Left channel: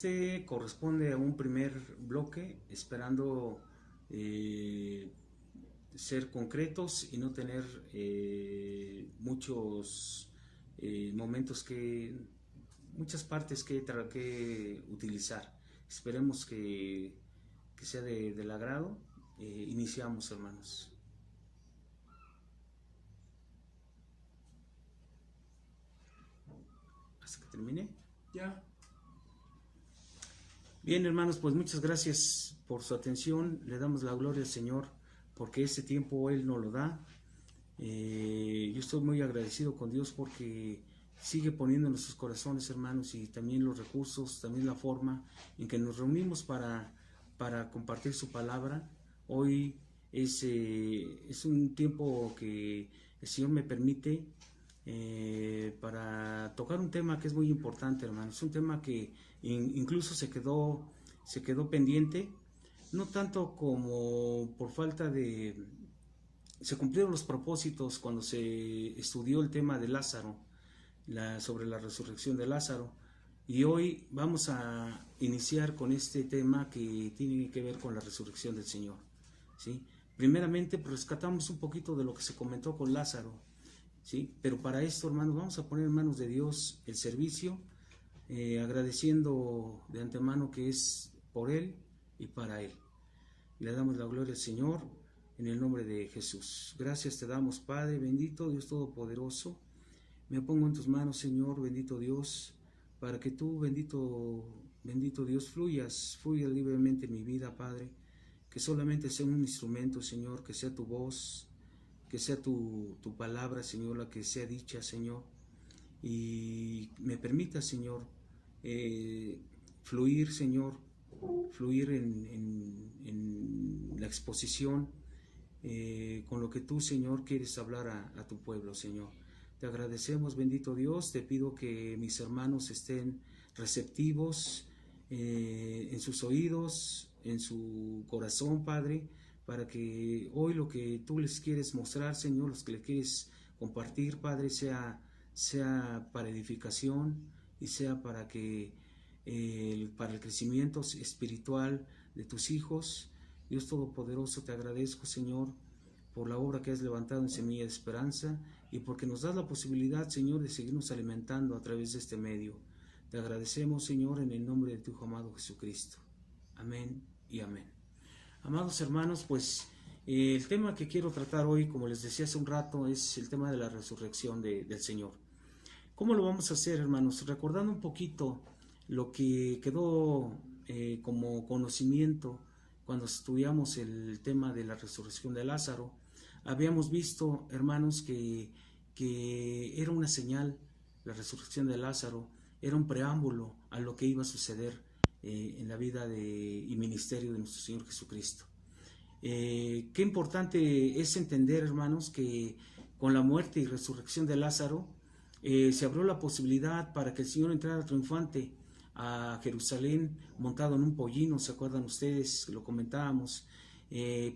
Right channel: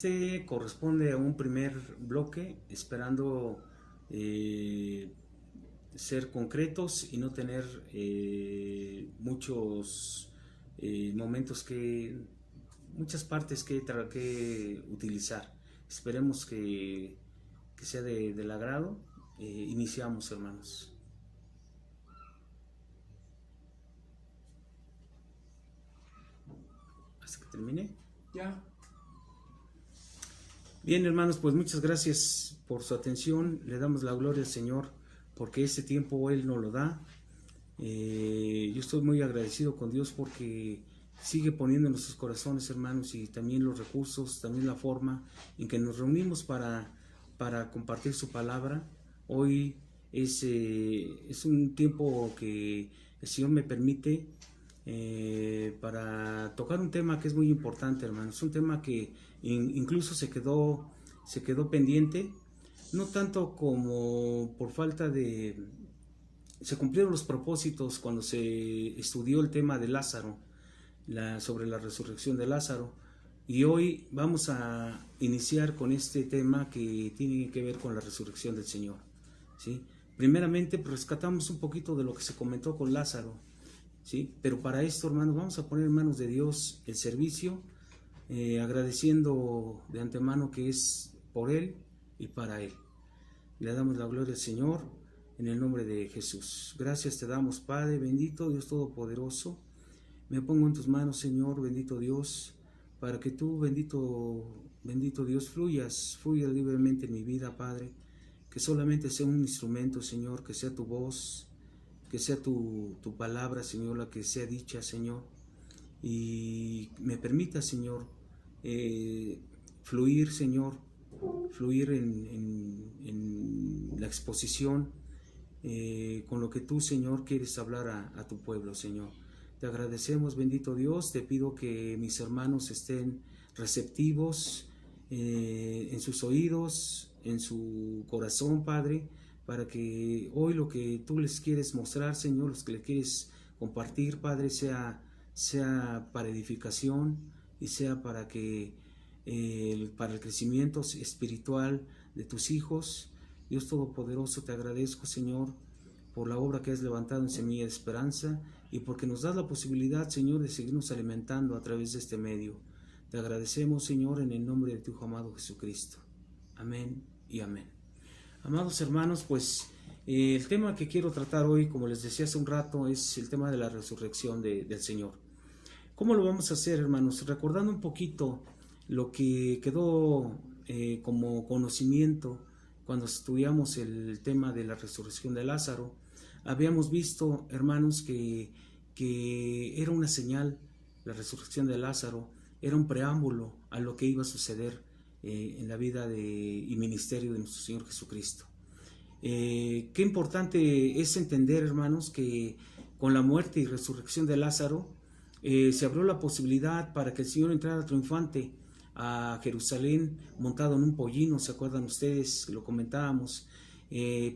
Este corresponde a un primer bloque, esperando ser concretos y no tener muchos momentos muchas partes que utilizar. Esperemos que sea del agrado. Iniciamos, hermanos. Hasta que termine. Ya. Bien, hermanos, pues muchas gracias por su atención. Le damos la gloria al Señor porque este tiempo Él nos lo da. Yo estoy muy agradecido con Dios porque sigue poniendo en nuestros corazones, hermanos, y también los recursos, también la forma en que nos reunimos para compartir su palabra. Hoy es un tiempo que el Señor me permite para tocar un tema que es muy importante, hermanos. Es un tema que incluso se quedó pendiente, no tanto como por falta de... Se cumplieron los propósitos cuando se estudió el tema de Lázaro, sobre la resurrección de Lázaro, y hoy vamos a iniciar con este tema que tiene que ver con la resurrección del Señor, ¿sí? Primeramente, pues, rescatamos un poquito de lo que se comentó con Lázaro, ¿sí? Pero para esto, hermanos, vamos a poner en manos de Dios el servicio, agradeciendo de antemano que es por Él y para Él. Le damos la gloria al Señor en el nombre de Jesús. Gracias te damos, Padre bendito, Dios todopoderoso. Me pongo en tus manos, Señor, bendito Dios, para que tú, bendito Dios, fluya libremente en mi vida, Padre. Que solamente sea un instrumento, Señor, que sea tu voz, que sea tu palabra, Señor, la que sea dicha, Señor. Y me permita, Señor, fluir, Señor, fluir en la exposición con lo que tú, Señor, quieres hablar a tu pueblo, Señor. Te agradecemos, bendito Dios. Te pido que mis hermanos estén receptivos en sus oídos, en su corazón, Padre, para que hoy lo que tú les quieres mostrar, Señor, los que le quieres compartir, Padre, sea para edificación y sea para que para el crecimiento espiritual de tus hijos. Dios Todopoderoso, te agradezco, Señor, por la obra que has levantado en Semilla de Esperanza y porque nos das la posibilidad, Señor, de seguirnos alimentando a través de este medio. Te agradecemos, Señor, en el nombre de tu Hijo amado Jesucristo. Amén y amén. Amados hermanos, pues el tema que quiero tratar hoy, como les decía hace un rato, es el tema de la resurrección del Señor. ¿Cómo lo vamos a hacer, hermanos? Recordando un poquito lo que quedó como conocimiento cuando estudiamos el tema de la resurrección de Lázaro. Habíamos visto, hermanos, que era una señal, la resurrección de Lázaro, era un preámbulo a lo que iba a suceder en la vida y ministerio de nuestro Señor Jesucristo. Qué importante es entender, hermanos, que con la muerte y resurrección de Lázaro se abrió la posibilidad para que el Señor entrara triunfante a Jerusalén montado en un pollino. ¿Se acuerdan ustedes? Lo comentábamos.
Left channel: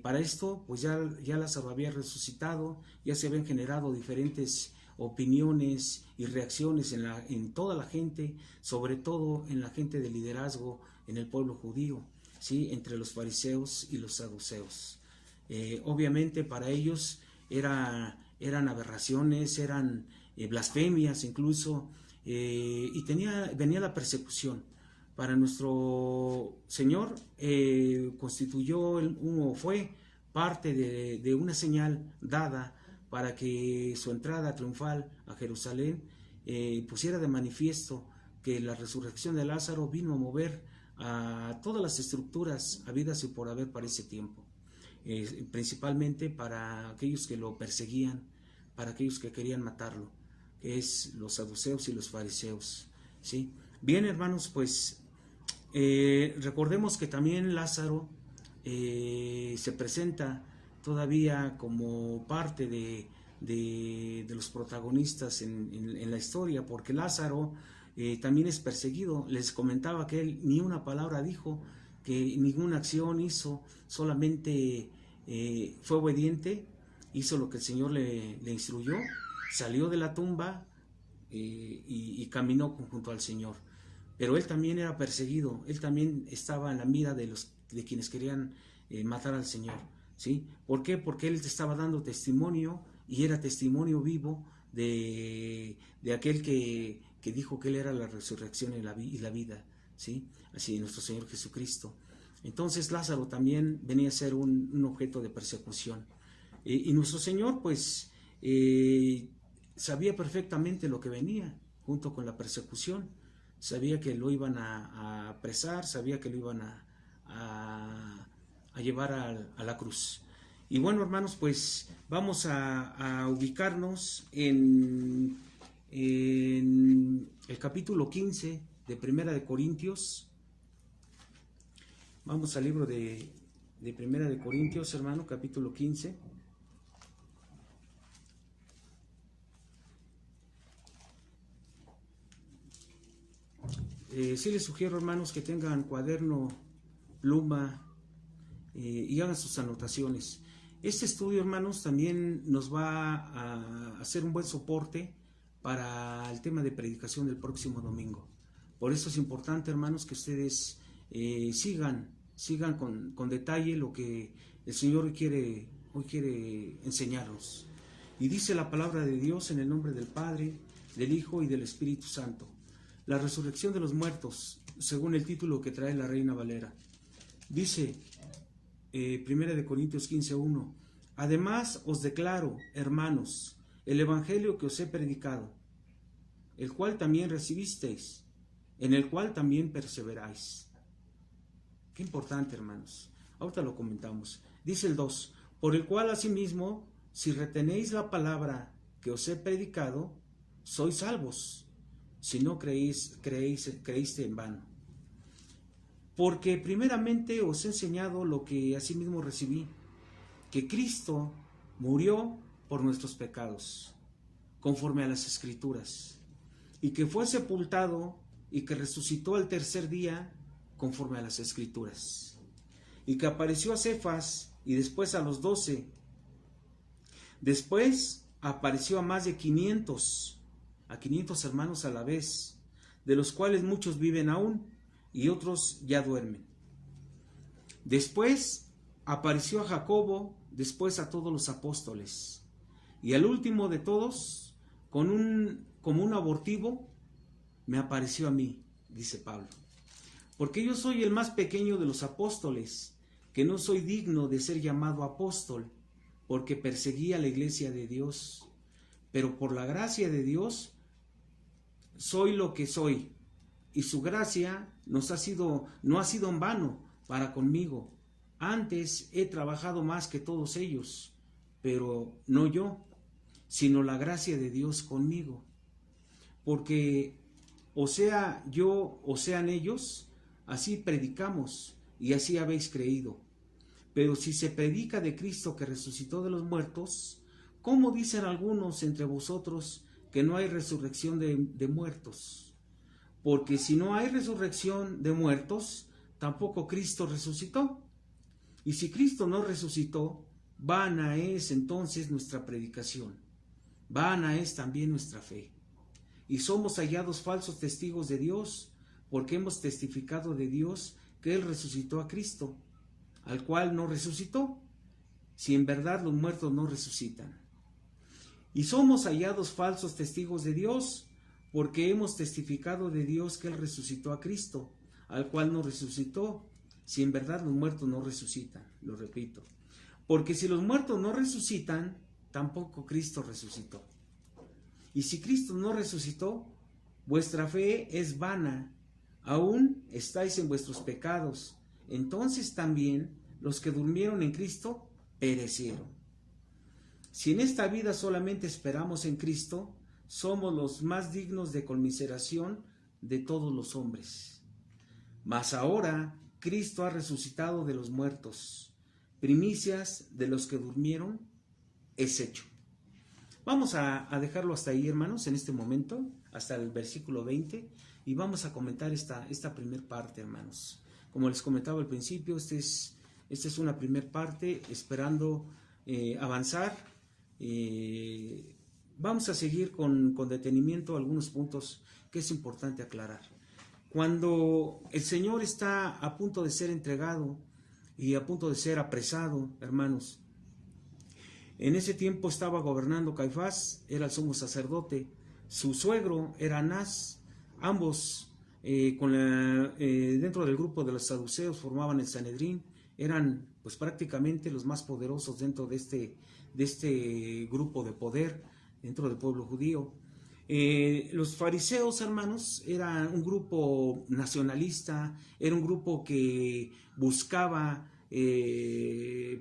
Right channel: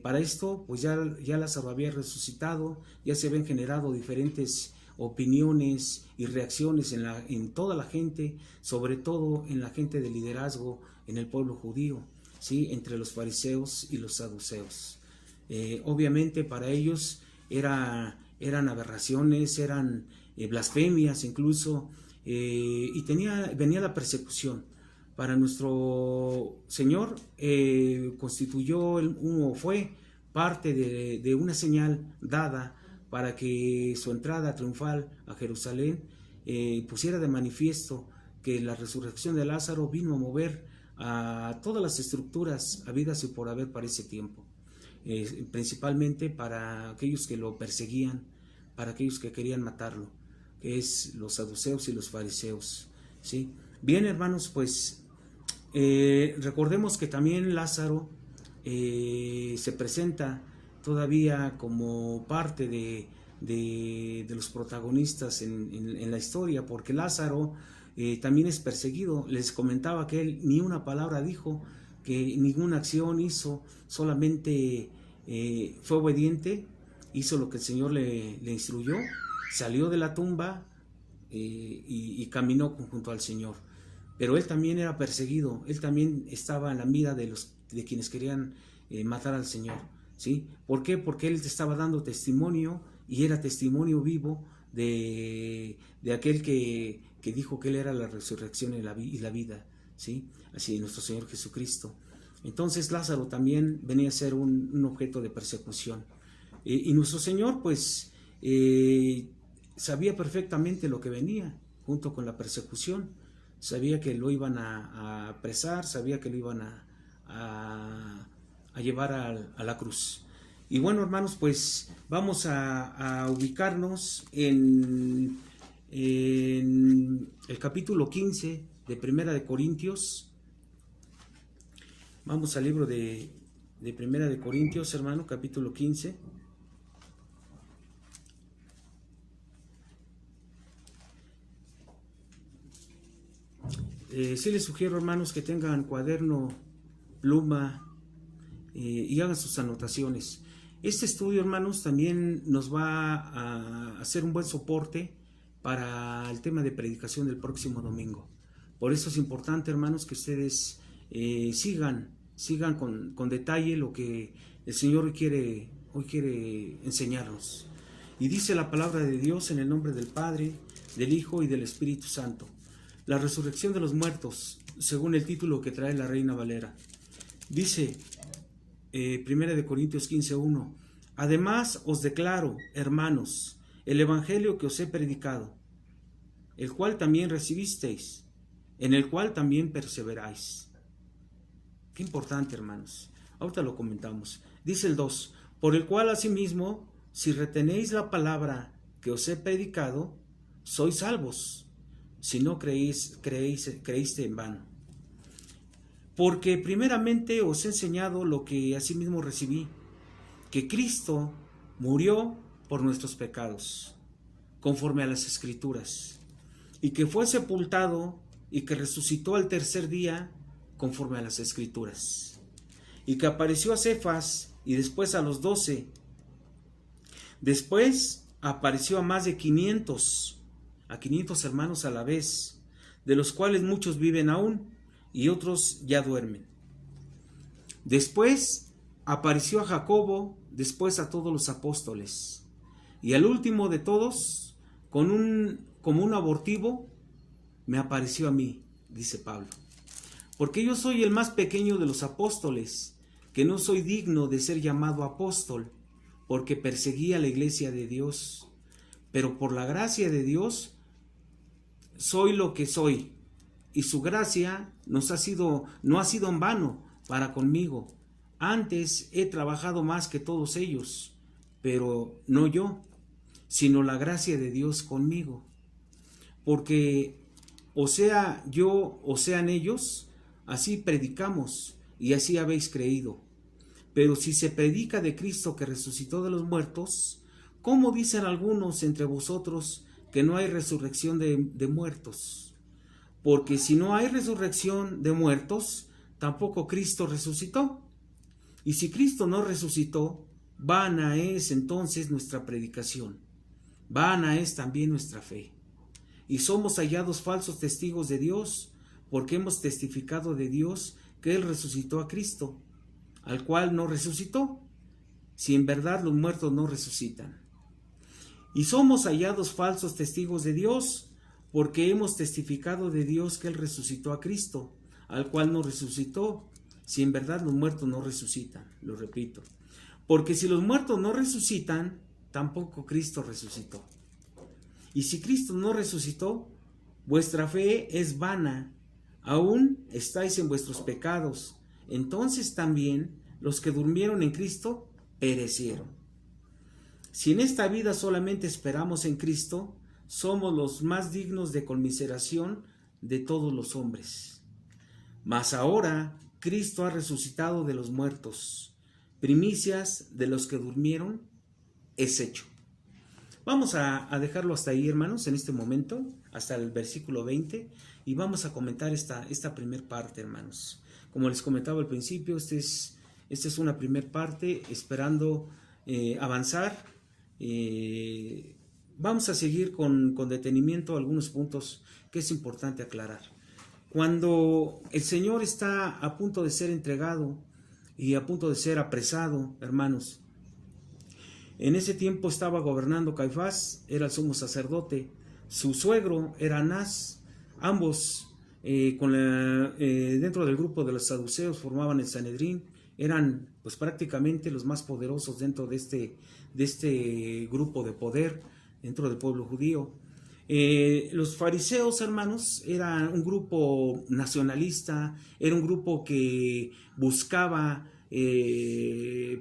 Para esto, pues ya Lázaro había resucitado, ya se habían generado diferentes opiniones y reacciones en toda la gente, sobre todo en la gente de liderazgo en el pueblo judío, ¿sí? Entre los fariseos y los saduceos. Obviamente para ellos eran aberraciones, eran blasfemias incluso, y venía la persecución. Para nuestro Señor fue parte de una señal dada para que su entrada triunfal a Jerusalén pusiera de manifiesto que la resurrección de Lázaro vino a mover a todas las estructuras habidas y por haber para ese tiempo, principalmente para aquellos que lo perseguían, para aquellos que querían matarlo, que es los saduceos y los fariseos, ¿sí? Bien, hermanos, pues recordemos que también Lázaro se presenta todavía como parte de los protagonistas en la historia, porque Lázaro también es perseguido. Les comentaba que él ni una palabra dijo, que ninguna acción hizo, solamente fue obediente, hizo lo que el Señor le instruyó, salió de la tumba y caminó junto al Señor. pero él también era perseguido, él también estaba en la mira de quienes querían matar al Señor, ¿sí? ¿Por qué? Porque él estaba dando testimonio y era testimonio vivo de aquel que dijo que él era la resurrección y la vida, ¿sí? Así, nuestro Señor Jesucristo. Entonces Lázaro también venía a ser un objeto de persecución. Y nuestro Señor, pues, sabía perfectamente lo que venía junto con la persecución. Sabía que lo iban a apresar, sabía que lo iban a llevar a la cruz. Y bueno, hermanos, pues vamos a ubicarnos en el capítulo 15 de Primera de Corintios. Vamos al libro de Primera de Corintios, hermano, capítulo 15. Sí les sugiero, hermanos, que tengan cuaderno, pluma y hagan sus anotaciones. Este estudio, hermanos, también nos va a hacer un buen soporte para el tema de predicación del próximo domingo. Por eso es importante, hermanos, que ustedes sigan con detalle lo que el Señor hoy quiere enseñarnos. Y dice la palabra de Dios en el nombre del Padre, del Hijo y del Espíritu Santo. La resurrección de los muertos, según el título que trae la Reina Valera. Dice 1 Corintios 15:1: Además os declaro, hermanos, el evangelio que os he predicado, el cual también recibisteis, en el cual también perseveráis. Qué importante, hermanos. Ahorita lo comentamos. Dice el 2: Por el cual asimismo, si retenéis la palabra que os he predicado, sois salvos, si no creíste en vano. Porque primeramente os he enseñado lo que asimismo recibí, que Cristo murió por nuestros pecados, conforme a las Escrituras, y que fue sepultado y que resucitó al tercer día, conforme a las Escrituras, y que apareció a Cefas y después a los 12. Después apareció a más de 500 hermanos a la vez, de los cuales muchos viven aún y otros ya duermen. Después apareció a Jacobo, después a todos los apóstoles, y al último de todos, como un abortivo, me apareció a mí, dice Pablo. Porque yo soy el más pequeño de los apóstoles, que no soy digno de ser llamado apóstol, porque perseguí a la iglesia de Dios. Pero por la gracia de Dios soy lo que soy, y su gracia no ha sido en vano para conmigo. Antes he trabajado más que todos ellos, pero no yo, sino la gracia de Dios conmigo. Porque o sea yo o sean ellos, así predicamos y así habéis creído. Pero si se predica de Cristo que resucitó de los muertos, ¿cómo dicen algunos entre vosotros que no hay resurrección de muertos? Porque si no hay resurrección de muertos, tampoco Cristo resucitó. Y si Cristo no resucitó, vana es entonces nuestra predicación, vana es también nuestra fe. Y somos hallados falsos testigos de Dios, porque hemos testificado de Dios que Él resucitó a Cristo, al cual no resucitó, si en verdad los muertos no resucitan. Y somos hallados falsos testigos de Dios, porque hemos testificado de Dios que Él resucitó a Cristo, al cual no resucitó, si en verdad los muertos no resucitan. Lo repito, porque si los muertos no resucitan, tampoco Cristo resucitó. Y si Cristo no resucitó, vuestra fe es vana, aún estáis en vuestros pecados. Entonces también los que durmieron en Cristo perecieron. Si en esta vida solamente esperamos en Cristo, somos los más dignos de conmiseración de todos los hombres. Mas ahora Cristo ha resucitado de los muertos, primicias de los que durmieron es hecho. Vamos a dejarlo hasta ahí, hermanos, en este momento, hasta el versículo 20, y vamos a comentar esta primer parte, hermanos. Como les comentaba al principio, esta es una primer parte, esperando avanzar. Vamos a seguir con detenimiento algunos puntos que es importante aclarar. Cuando el Señor está a punto de ser entregado y a punto de ser apresado, hermanos, en ese tiempo estaba gobernando Caifás, era el sumo sacerdote, su suegro era Anás, ambos dentro del grupo de los saduceos formaban el Sanedrín, eran pues prácticamente los más poderosos dentro de este grupo de poder dentro del pueblo judío. Los fariseos, hermanos, era un grupo nacionalista, era un grupo que buscaba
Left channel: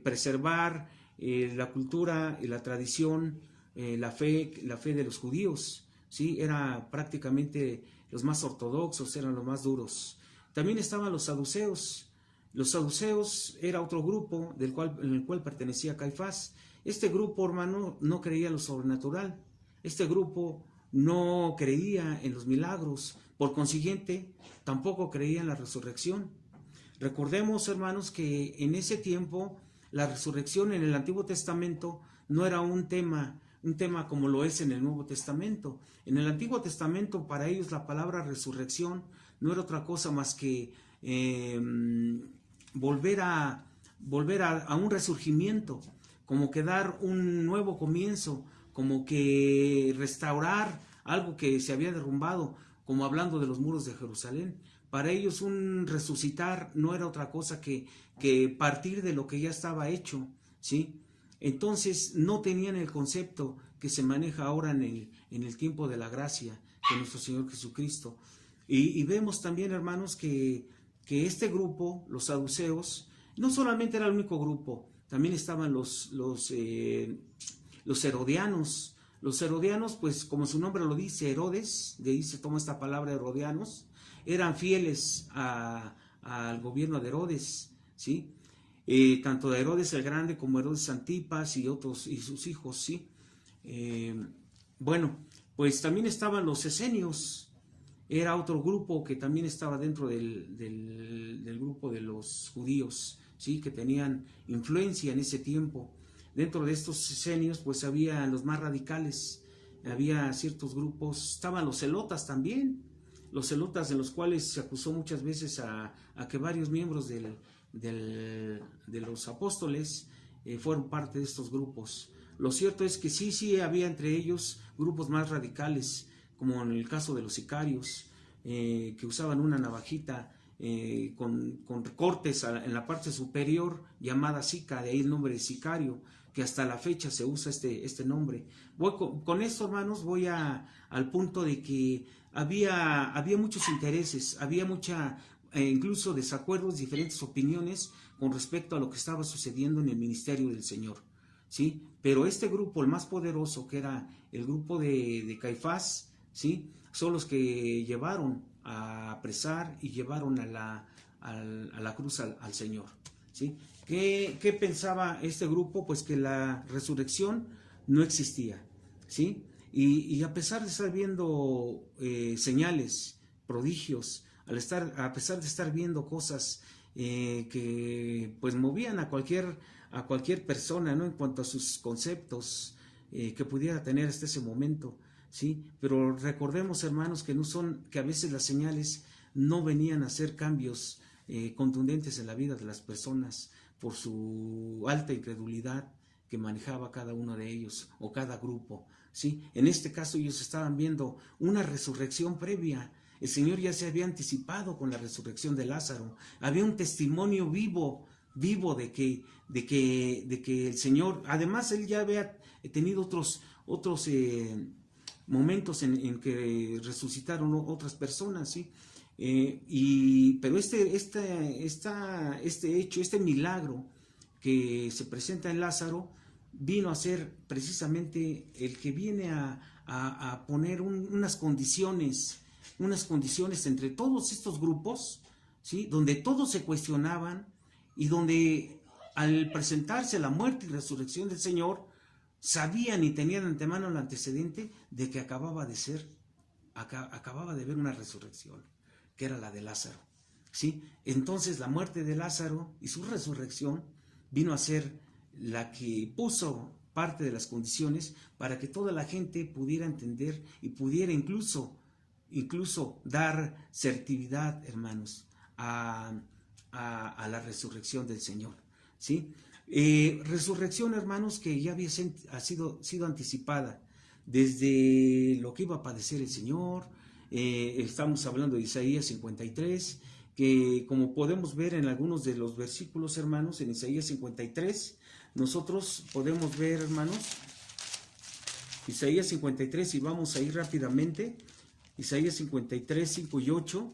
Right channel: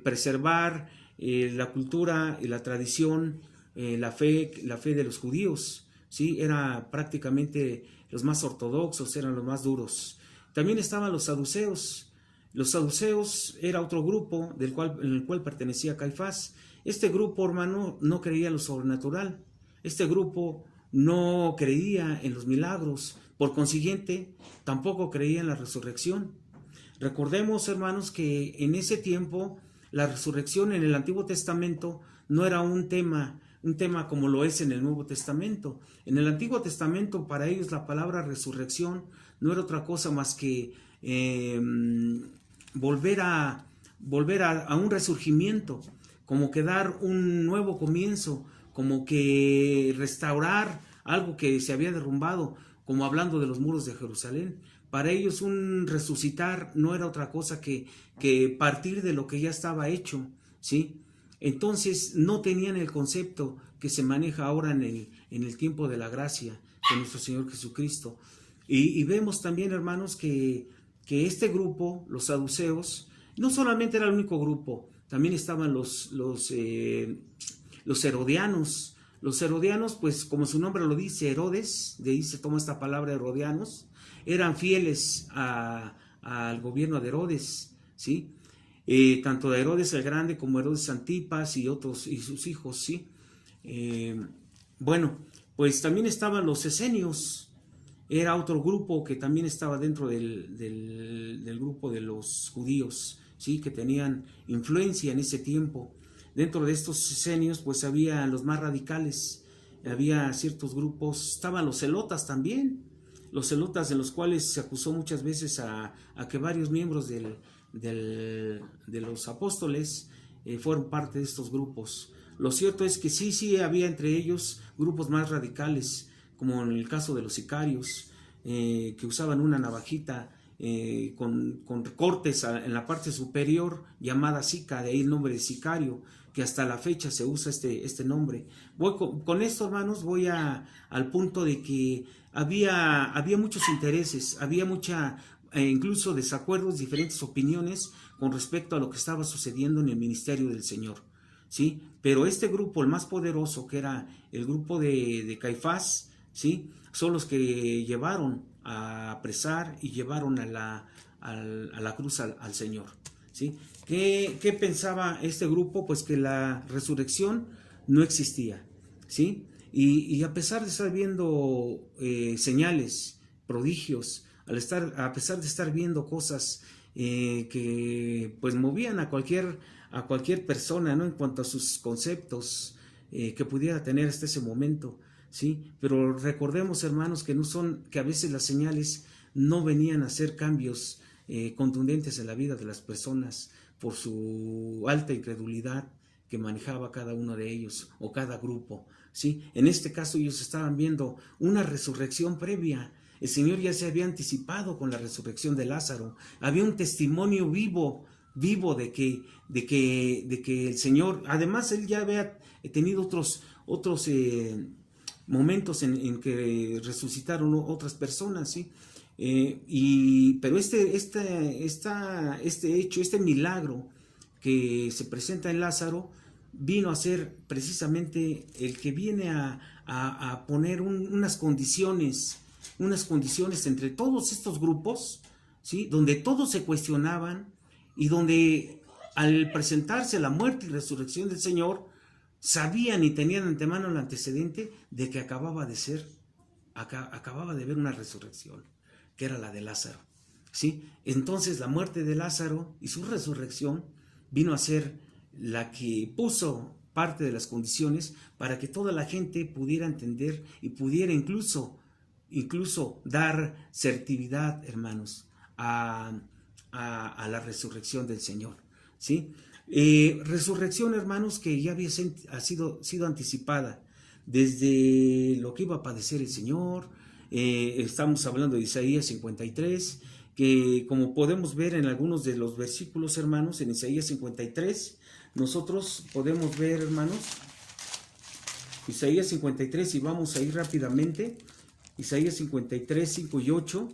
preservar la cultura, la tradición, la fe de los judíos, ¿sí? Era prácticamente los más ortodoxos, eran los más duros. También estaban los saduceos. Los saduceos era otro grupo en el cual pertenecía Caifás. Este grupo, hermano, no creía en lo sobrenatural. Este grupo no creía en los milagros. Por consiguiente, tampoco creía en la resurrección. Recordemos, hermanos, que en ese tiempo la resurrección en el Antiguo Testamento no era un tema como lo es en el Nuevo Testamento. En el Antiguo Testamento, para ellos la palabra resurrección no era otra cosa más que volver a un resurgimiento, como que dar un nuevo comienzo, como que restaurar algo que se había derrumbado, como hablando de los muros de Jerusalén. Para ellos un resucitar no era otra cosa que partir de lo que ya estaba hecho, ¿sí? Entonces no tenían el concepto que se maneja ahora en el tiempo de la gracia de nuestro Señor Jesucristo. Y vemos también, hermanos, que este grupo, los saduceos, no solamente era el único grupo, también estaban los herodianos. Los herodianos, pues como su nombre lo dice, Herodes, de ahí se toma esta palabra herodianos, eran fieles al gobierno de Herodes, ¿sí? Tanto de Herodes el Grande como Herodes Antipas y otros y sus hijos, ¿sí? Bueno, pues también estaban los esenios, era otro grupo que también estaba dentro del grupo de los judíos, ¿sí? Que tenían influencia en ese tiempo. Dentro de estos esenios pues había los más radicales, había ciertos grupos, estaban los celotas también, los celotas de los cuales se acusó muchas veces a que varios miembros de los apóstoles fueron parte de estos grupos. Lo cierto es que sí había entre ellos grupos más radicales, como en el caso de los sicarios, que usaban una navajita con cortes en la parte superior llamada sica, de ahí el nombre de sicario, que hasta la fecha se usa este nombre. Con esto, hermanos, voy al punto de que había muchos intereses, había incluso desacuerdos, diferentes opiniones con respecto a lo que estaba sucediendo en el ministerio del Señor, ¿sí? Pero este grupo, el más poderoso, que era el grupo de Caifás, ¿sí? Son los que llevaron a apresar y llevaron a la cruz al Señor, ¿sí? ¿Qué pensaba este grupo? Pues que la resurrección no existía, ¿sí? Y a pesar de estar viendo señales, prodigios, a pesar de estar viendo cosas que pues movían a cualquier persona, ¿no? En cuanto a sus conceptos que pudiera tener hasta ese momento, ¿sí? Pero recordemos, hermanos, que a veces las señales no venían a hacer cambios contundentes en la vida de las personas por su alta incredulidad que manejaba cada uno de ellos o cada grupo, ¿sí? En este caso ellos estaban viendo una resurrección previa. El Señor ya se había anticipado con la resurrección de Lázaro. Había un testimonio vivo de que el Señor, además él ya había tenido otros momentos en que resucitaron otras personas, ¿sí? Pero este hecho, este milagro que se presenta en Lázaro, vino a ser precisamente el que viene a poner unas condiciones entre todos estos grupos, ¿sí? Donde todos se cuestionaban y donde al presentarse la muerte y resurrección del Señor, sabían y tenían de antemano el antecedente de que acababa de haber una resurrección, que era la de Lázaro, ¿sí? Entonces la muerte de Lázaro y su resurrección vino a ser la que puso parte de las condiciones para que toda la gente pudiera entender y pudiera incluso incluso dar certidumbre, hermanos, a la resurrección del Señor, ¿sí? Resurrección, hermanos, que ya había sido anticipada desde lo que iba a padecer el Señor. Estamos hablando de Isaías 53, que como podemos ver en algunos de los versículos, hermanos, en Isaías 53, nosotros podemos ver, hermanos, Isaías 53, y vamos a ir rápidamente, Isaías 53, 5 y 8.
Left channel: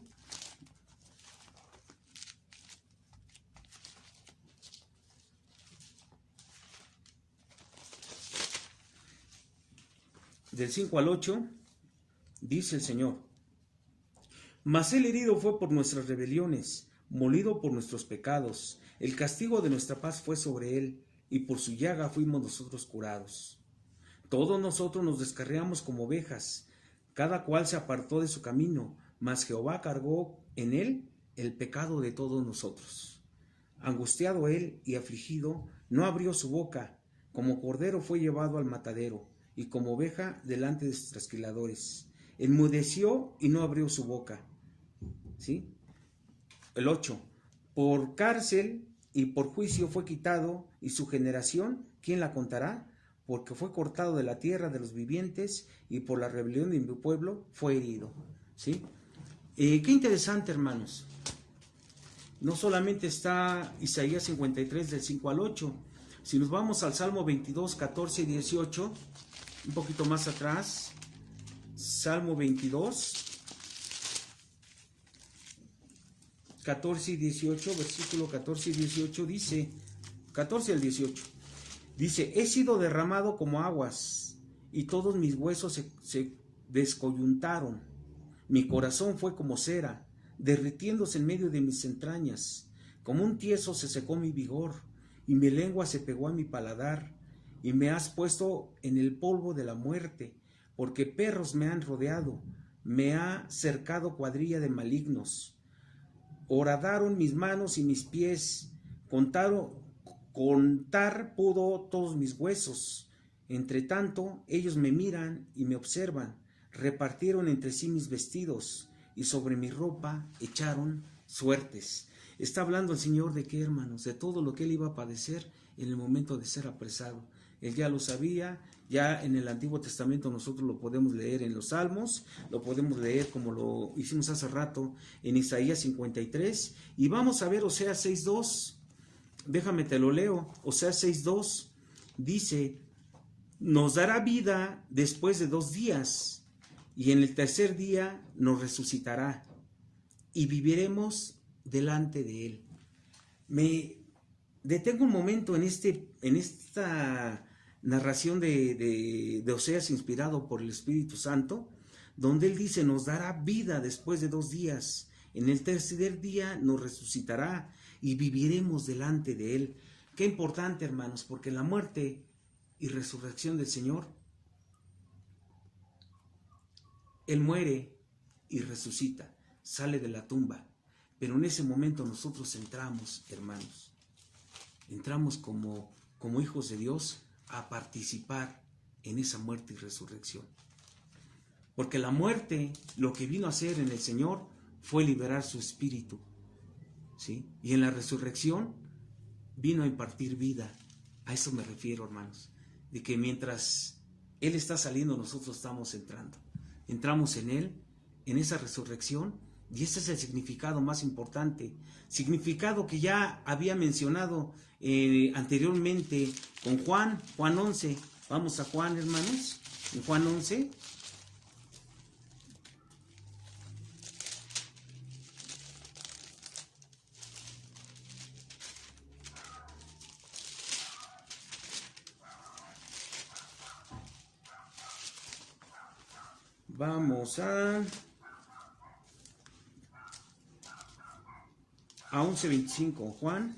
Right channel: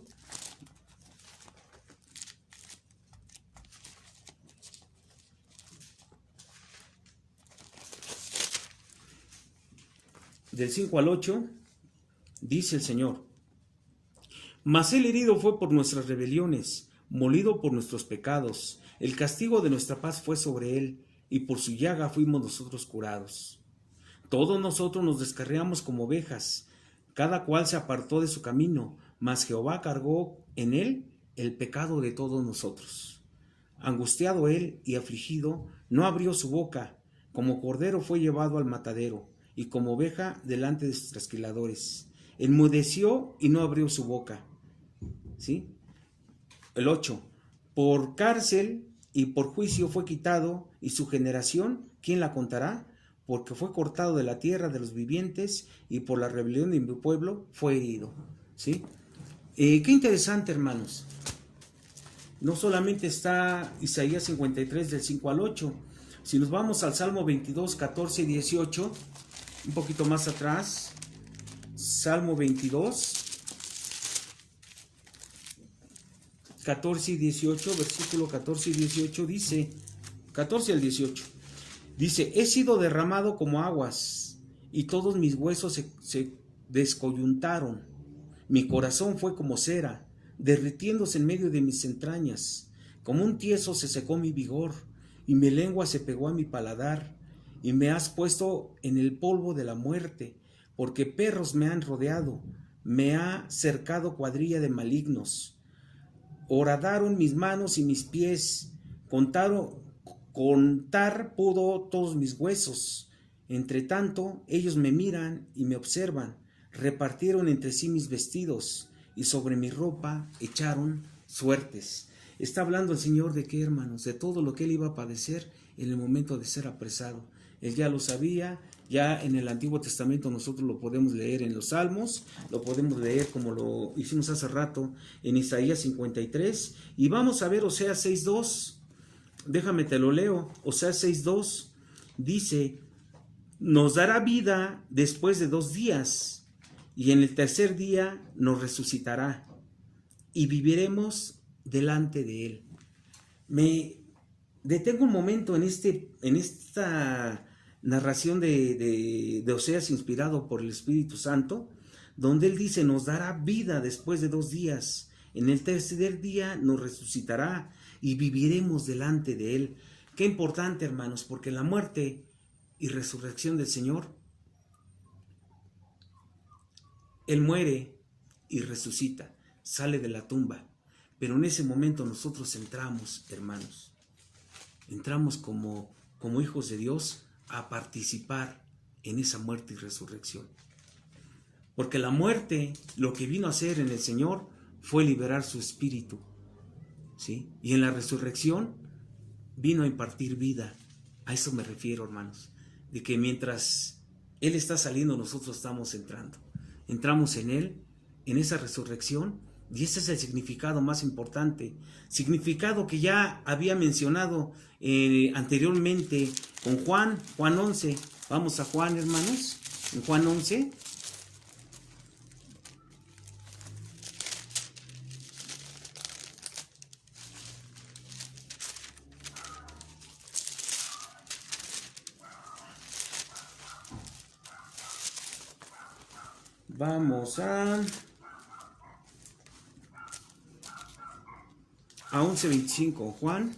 Del 5 al 8, dice el Señor: Mas el herido fue por nuestras rebeliones, molido por nuestros pecados. El castigo de nuestra paz fue sobre él, y por su llaga fuimos nosotros curados. Todos nosotros nos descarriamos como ovejas, cada cual se apartó de su camino, mas Jehová cargó en él el pecado de todos nosotros. Angustiado él y afligido, no abrió su boca, como cordero fue llevado al matadero, y como oveja delante de sus trasquiladores. Enmudeció y no abrió su boca. ¿Sí? El 8. Por cárcel y por juicio fue quitado, y su generación, ¿quién la contará? Porque fue cortado de la tierra de los vivientes, y por la rebelión de mi pueblo fue herido. ¿Sí? Qué interesante, hermanos. No solamente está Isaías 53 del 5 al 8. Si nos vamos al Salmo 22, 14 y 18, un poquito más atrás, Salmo 22, 14 y 18, versículo 14 y 18 dice, 14 al 18, dice: he sido derramado como aguas, y todos mis huesos se descoyuntaron. Mi corazón fue como cera, derritiéndose en medio de mis entrañas. Como un tieso se secó mi vigor, y mi lengua se pegó a mi paladar. Y me has puesto en el polvo de la muerte, porque perros me han rodeado, me ha cercado cuadrilla de malignos. Horadaron mis manos y mis pies, contar pudo todos mis huesos. Entre tanto, ellos me miran y me observan, repartieron entre sí mis vestidos, y sobre mi ropa echaron suertes. Está hablando el Señor de qué, hermanos, de todo lo que él iba a padecer en el momento de ser apresado. Él ya lo sabía, ya en el Antiguo Testamento nosotros lo podemos leer en los Salmos, lo podemos leer como lo hicimos hace rato en Isaías 53, y vamos a ver Oseas 6.2, déjame te lo leo. Oseas 6.2 dice: nos dará vida después de 2 días, y en el tercer día nos resucitará, y viviremos delante de él. Me detengo un momento en esta narración de Oseas, inspirado por el Espíritu Santo, donde él dice: nos dará vida después de 2 días, en el tercer día nos resucitará y viviremos delante de él. Qué importante, hermanos, porque la muerte y resurrección del Señor, él muere y resucita, sale de la tumba, pero en ese momento nosotros entramos, hermanos, entramos como hijos de Dios a participar en esa muerte y resurrección. Porque la muerte, lo que vino a hacer en el Señor fue liberar su espíritu, ¿sí? Y en la resurrección vino a impartir vida. A eso me refiero, hermanos, de que mientras Él está saliendo, nosotros estamos entrando. Entramos en Él, en esa resurrección, y ese es el significado más importante. Significado que ya había mencionado anteriormente con Juan 11. Vamos a Juan, hermanos, en Juan 11. Vamos a 11:25, Juan.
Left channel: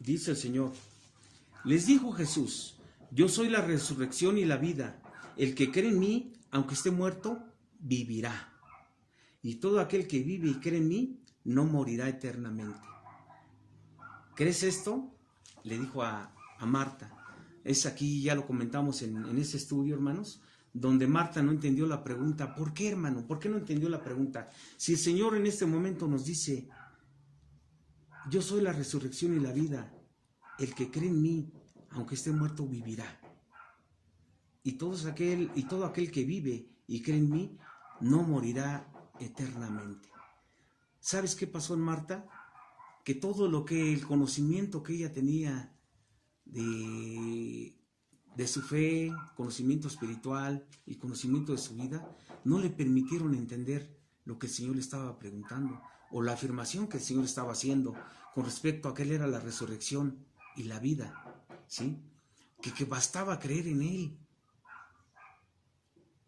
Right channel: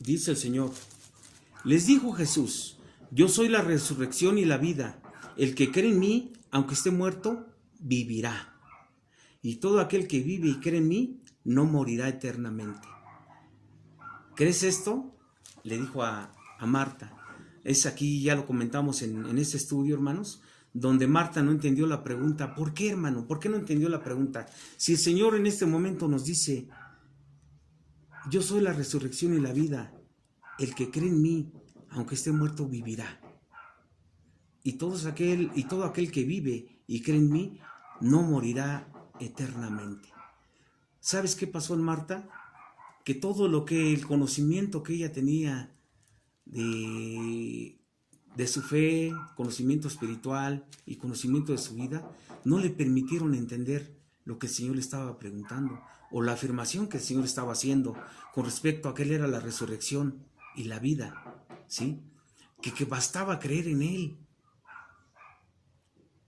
Dice el Señor: les dijo Jesús: yo soy la resurrección y la vida. El que cree en mí, aunque esté muerto, vivirá. Y todo aquel que vive y cree en mí, no morirá eternamente. ¿Crees esto? Le dijo a Marta. Es aquí, ya lo comentamos en este estudio, hermanos, donde Marta no entendió la pregunta. ¿Por qué, hermano? ¿Por qué no entendió la pregunta? Si el Señor en este momento nos dice: yo soy la resurrección y la vida, el que cree en mí, aunque esté muerto, vivirá. Y todo aquel que vive y cree en mí, no morirá eternamente. ¿Sabes qué pasó en Marta? Que todo el conocimiento que ella tenía de su fe, conocimiento espiritual y conocimiento de su vida, no le permitieron entender lo que el Señor le estaba preguntando, o la afirmación que el Señor estaba haciendo con respecto a que Él era la resurrección y la vida, ¿sí? Que bastaba creer en Él.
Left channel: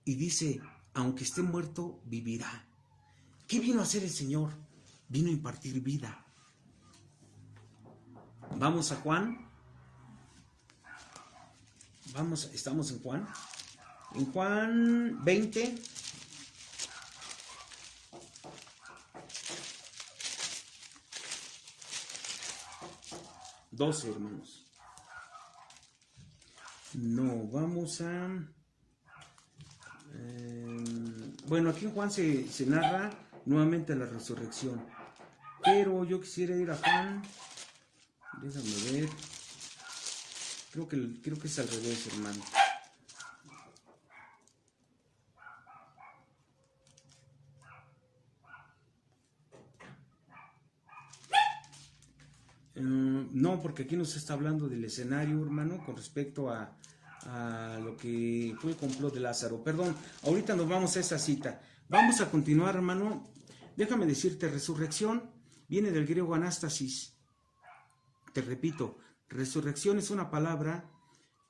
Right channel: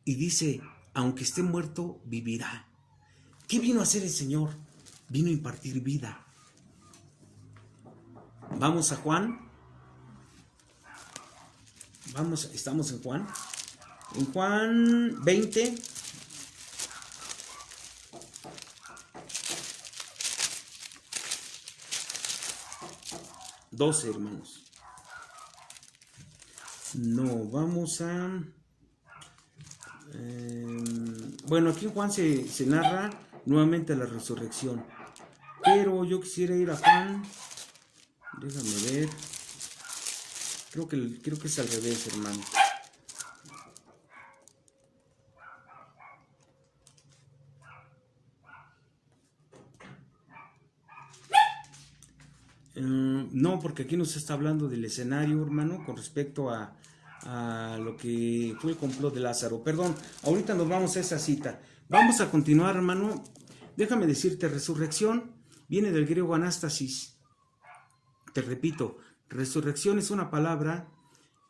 Y dice: aunque esté muerto, vivirá. ¿Qué vino a hacer el Señor? Vino a impartir vida. Vamos a Juan. Estamos en Juan. En Juan 20. ...12, hermanos. No, vamos a... bueno, aquí en Juan se narra nuevamente la resurrección. Pero yo quisiera ir a Juan. Déjame ver. Creo que es al revés, hermano. No, porque aquí nos está hablando del escenario, hermano, con respecto a lo que fue el complot de Lázaro. Perdón, ahorita nos vamos a esa cita. Vamos a continuar, hermano. Déjame decirte, resurrección viene del griego anástasis. Te repito, resurrección es una palabra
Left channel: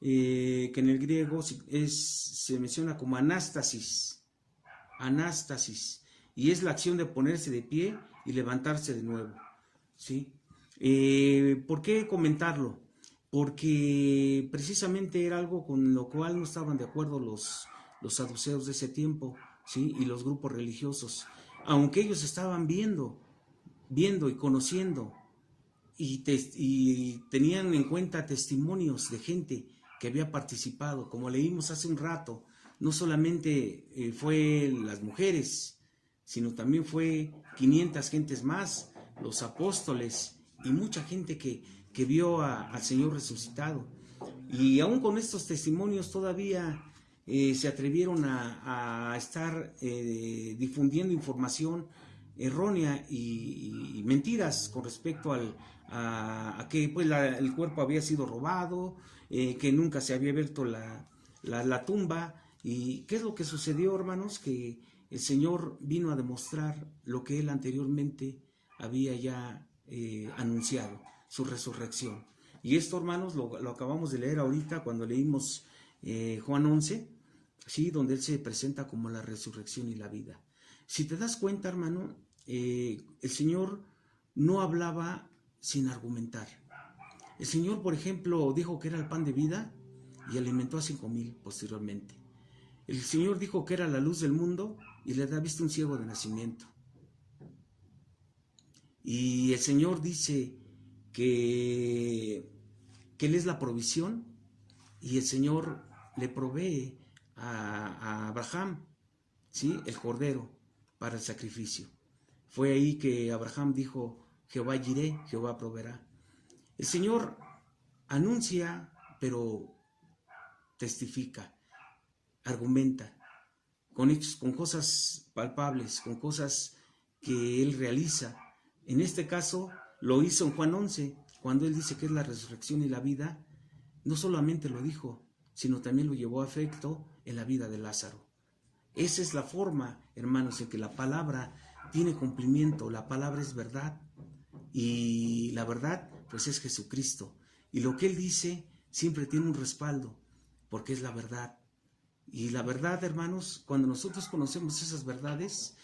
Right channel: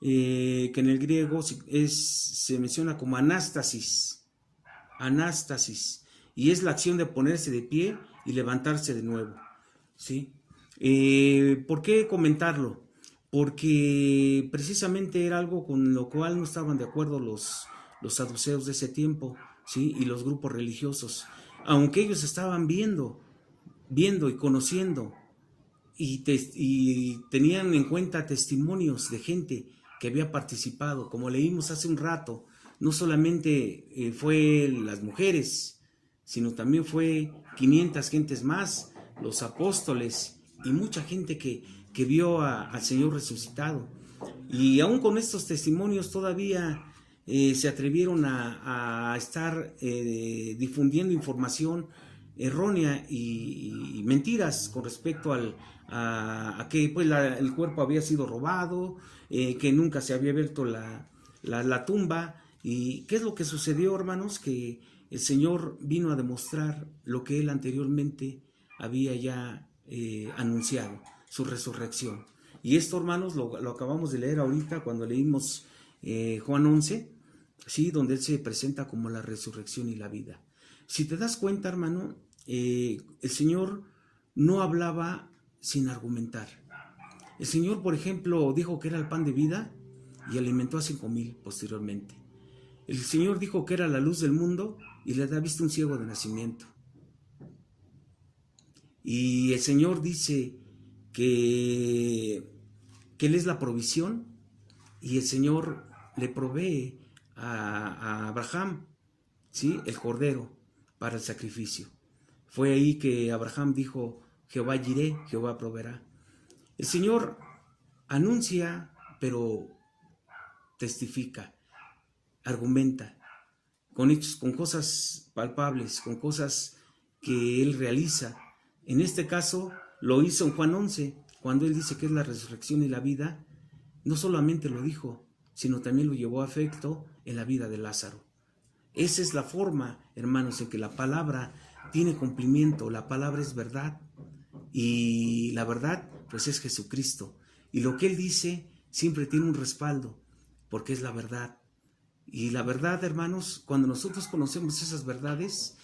que en el griego se menciona como anástasis, y es la acción de ponerse de pie y levantarse de nuevo, ¿sí? ¿Por qué comentarlo? Porque precisamente era algo con lo cual no estaban de acuerdo los saduceos de ese tiempo, ¿sí? Y los grupos religiosos, aunque ellos estaban viendo y conociendo y tenían en cuenta testimonios de gente que había participado, como leímos hace un rato. No solamente fue las mujeres, sino también fue 500 gentes más, los apóstoles y mucha gente que vio al Señor resucitado. Y aún con estos testimonios todavía se atrevieron a estar difundiendo información errónea y mentiras con respecto a que pues, el cuerpo había sido robado, que nunca se había abierto la tumba. ¿Y qué es lo que sucedió, hermanos? Que el Señor vino a demostrar lo que Él anteriormente había ya anunciado, su resurrección. Y esto, hermanos, lo acabamos de leer ahorita cuando leímos Juan 11, ¿sí? Donde Él se presenta como la resurrección y la vida. Si te das cuenta, hermano, el Señor no hablaba sin argumentar. El Señor, por ejemplo, dijo que era el pan de vida y alimentó a 5,000 posteriormente. El Señor dijo que era la luz del mundo y le da vista a un ciego de nacimiento. Y el Señor dice que Él es la provisión, y el Señor le provee a Abraham, ¿sí? El cordero para el sacrificio. Fue ahí que Abraham dijo: Jehová Jireh, Jehová proveerá. El Señor anuncia, pero testifica, argumenta, con hechos, con cosas palpables, con cosas que Él realiza. En este caso lo hizo en Juan 11, cuando Él dice que es la resurrección y la vida. No solamente lo dijo, sino también lo llevó a efecto en la vida de Lázaro. Esa es la forma, hermanos, en que la palabra tiene cumplimiento. La palabra es verdad, y la verdad pues es Jesucristo, y lo que Él dice siempre tiene un respaldo, porque es la verdad. Y la verdad, hermanos, cuando nosotros conocemos esas verdades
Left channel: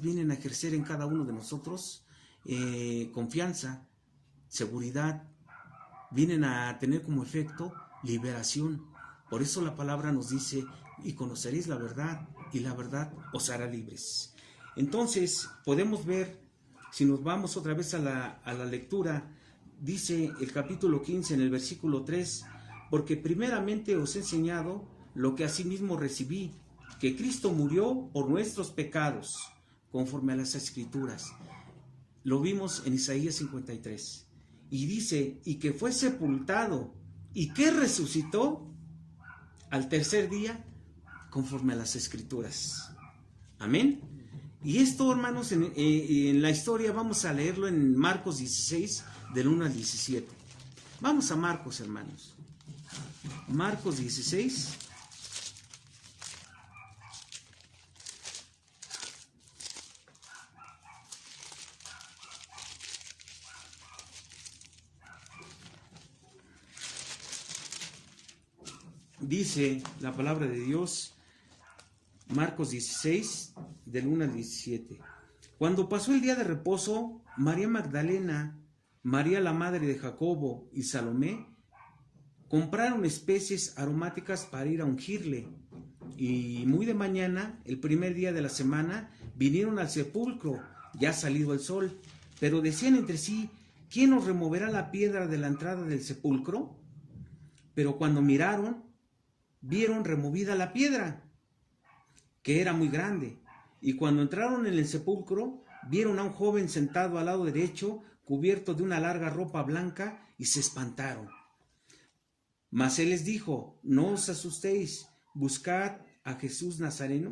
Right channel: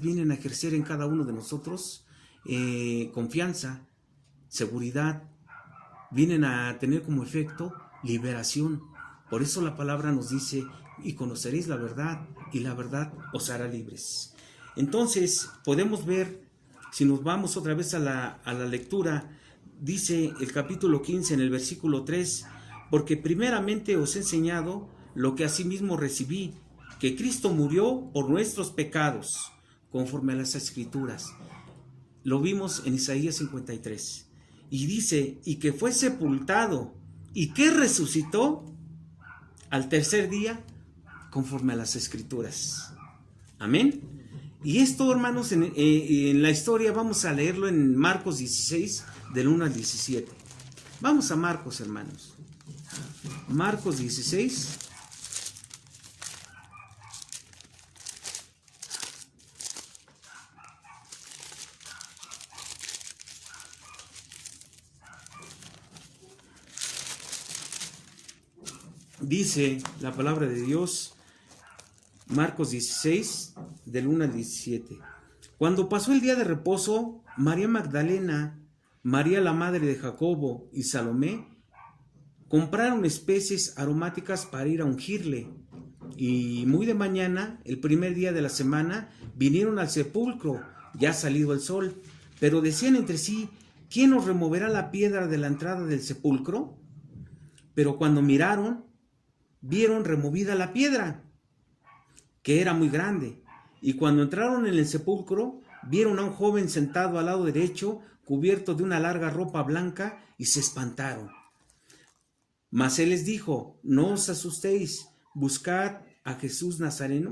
vienen a ejercer en cada uno de nosotros confianza, seguridad, vienen a tener como efecto liberación. Por eso la palabra nos dice: y conoceréis la verdad, y la verdad os hará libres. Entonces podemos ver, si nos vamos otra vez a la lectura, dice el capítulo 15 en el versículo 3: porque primeramente os he enseñado lo que asimismo recibí, que Cristo murió por nuestros pecados, conforme a las Escrituras. Lo vimos en Isaías 53. Y dice, y que fue sepultado, y que resucitó al tercer día, conforme a las Escrituras. Amén. Y esto, hermanos, en la historia vamos a leerlo en Marcos 16, del 1 al 17. Vamos a Marcos, hermanos. Marcos 16. Dice la palabra de Dios, Marcos 16, del 1 al 17. Cuando pasó el día de reposo, María Magdalena, María la madre de Jacobo y Salomé compraron especies aromáticas para ir a ungirle. Y muy de mañana, el primer día de la semana, vinieron al sepulcro, ya salido el sol. Pero decían entre sí, ¿quién nos removerá la piedra de la entrada del sepulcro? Pero cuando miraron, vieron removida la piedra, que era muy grande. Y cuando entraron en el sepulcro, vieron a un joven sentado al lado derecho, cubierto de una larga ropa blanca, y se espantaron. Mas él les dijo, no os asustéis, buscáis a Jesús Nazareno,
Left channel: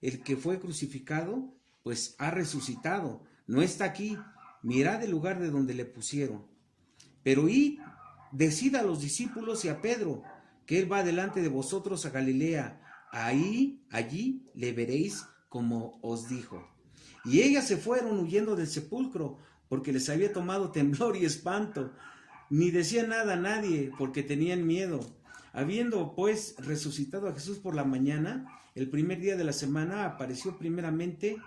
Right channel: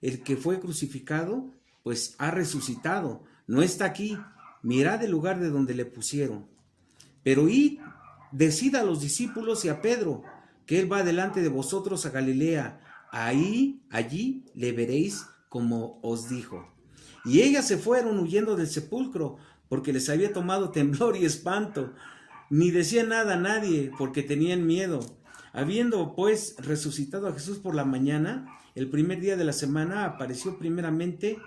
el que fue crucificado, pues ha resucitado, no está aquí, mirad el lugar de donde le pusieron. Pero id, decid a los discípulos y a Pedro, que él va delante de vosotros a Galilea, allí le veréis como os dijo. Y ellas se fueron huyendo del sepulcro, porque les había tomado temblor y espanto. Ni decían nada a nadie, porque tenían miedo. Habiendo pues resucitado a Jesús por la mañana, el primer día de la semana, apareció primeramente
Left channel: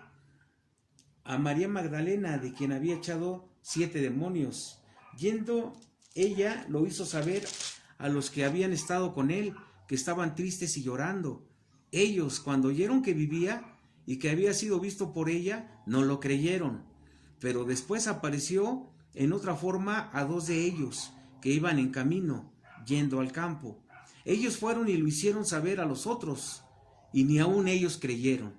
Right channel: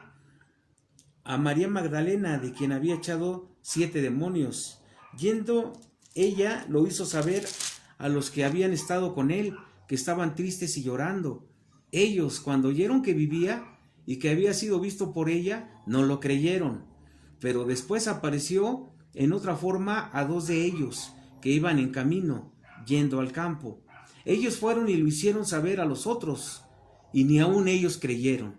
a María Magdalena, de quien había echado 7 demonios. Yendo ella, lo hizo saber a los que habían estado con él, que estaban tristes y llorando. Ellos, cuando oyeron que vivía y que había sido visto por ella, no lo creyeron. Pero después apareció en otra forma a 2 de ellos, que iban en camino, yendo al campo. Ellos fueron y lo hicieron saber a los otros, y ni aun ellos creyeron.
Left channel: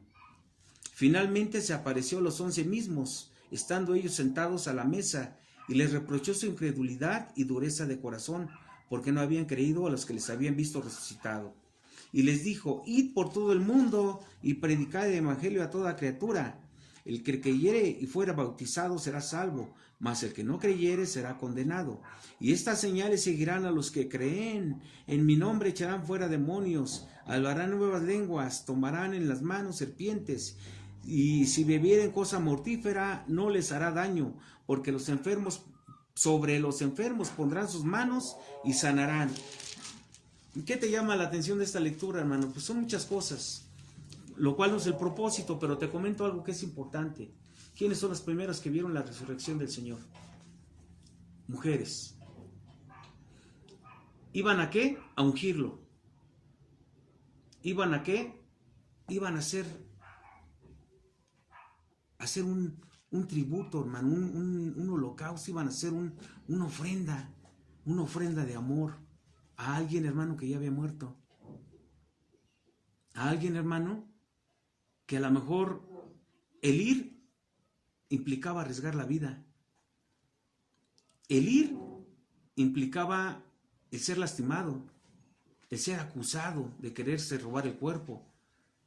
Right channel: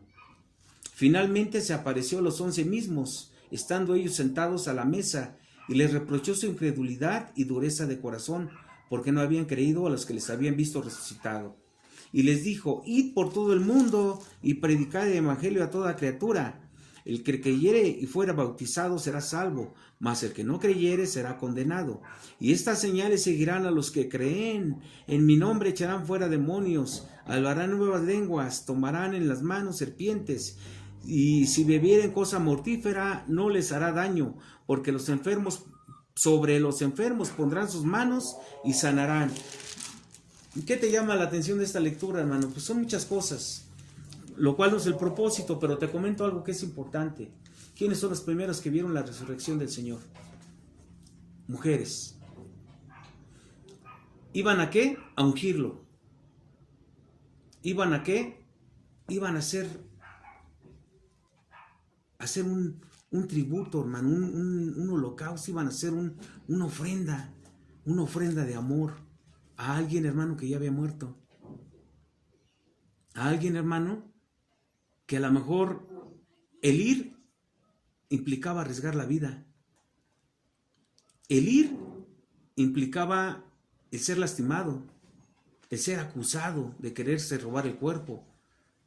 Finalmente se apareció a los 11 mismos, estando ellos sentados a la mesa, y les reprochó su incredulidad y dureza de corazón, porque no habían creído a los que les habían visto resucitado. Y les dijo, id por todo el mundo y predicad el evangelio a toda criatura. El que creyere y fuera bautizado será salvo, mas el que no creyere será condenado. Y estas señales seguirán a los que creen. En mi nombre echarán fuera demonios, hablarán nuevas lenguas, tomarán en las manos serpientes, y si bebieren cosa mortífera no les hará daño, porque sobre los enfermos pondrán sus manos y sanarán. ¿Qué te llama la atención de esta lectura, hermano? Pues son muchas cosas, lo cual no es el propósito, pero te comento algo que es importante. ¿Quiénes son los primeros que vieron la resurrección del Señor? Mujeres. ¿Iban a qué? A ungirlo. ¿Iban a qué? Iban a hacer un tributo, hermano, un holocausto, iban a hacer una ofrenda de amor a alguien, hermano, que ya había muerto. A alguien, hermano, que a lo mejor el ir implicaba arriesgar la vida. El ir implicaba el ser lastimado, el ser acusado de quererse robar el cuerpo,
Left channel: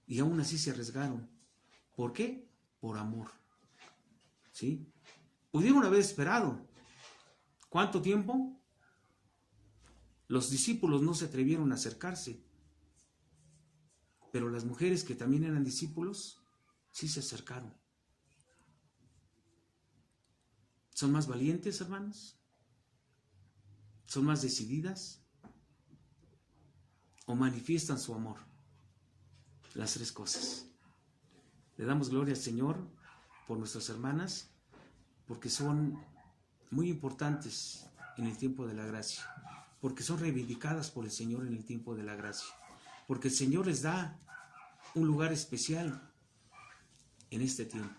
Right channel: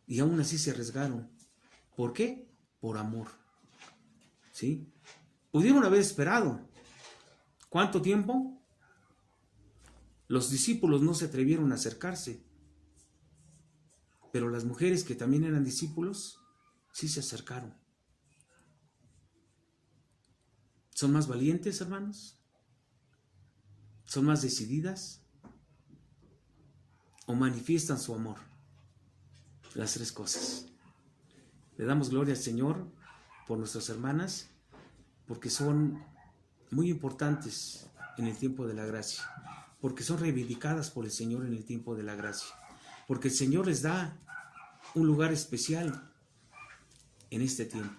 y aún así se arriesgaron. ¿Por qué? Por amor. ¿Sí? Pudieron haber esperado. ¿Cuánto tiempo? Los discípulos no se atrevieron a acercarse, pero las mujeres que también eran discípulos sí se acercaron. ¿Son más valientes, hermanos? ¿Son más decididas? ¿O manifiestan su amor? Las 3 cosas. Le damos gloria al Señor por nuestras hermanas, porque son muy importantes en el tiempo de la gracia, porque son reivindicadas por el Señor en el tiempo de la gracia, porque el Señor les da un lugar especial en este tiempo.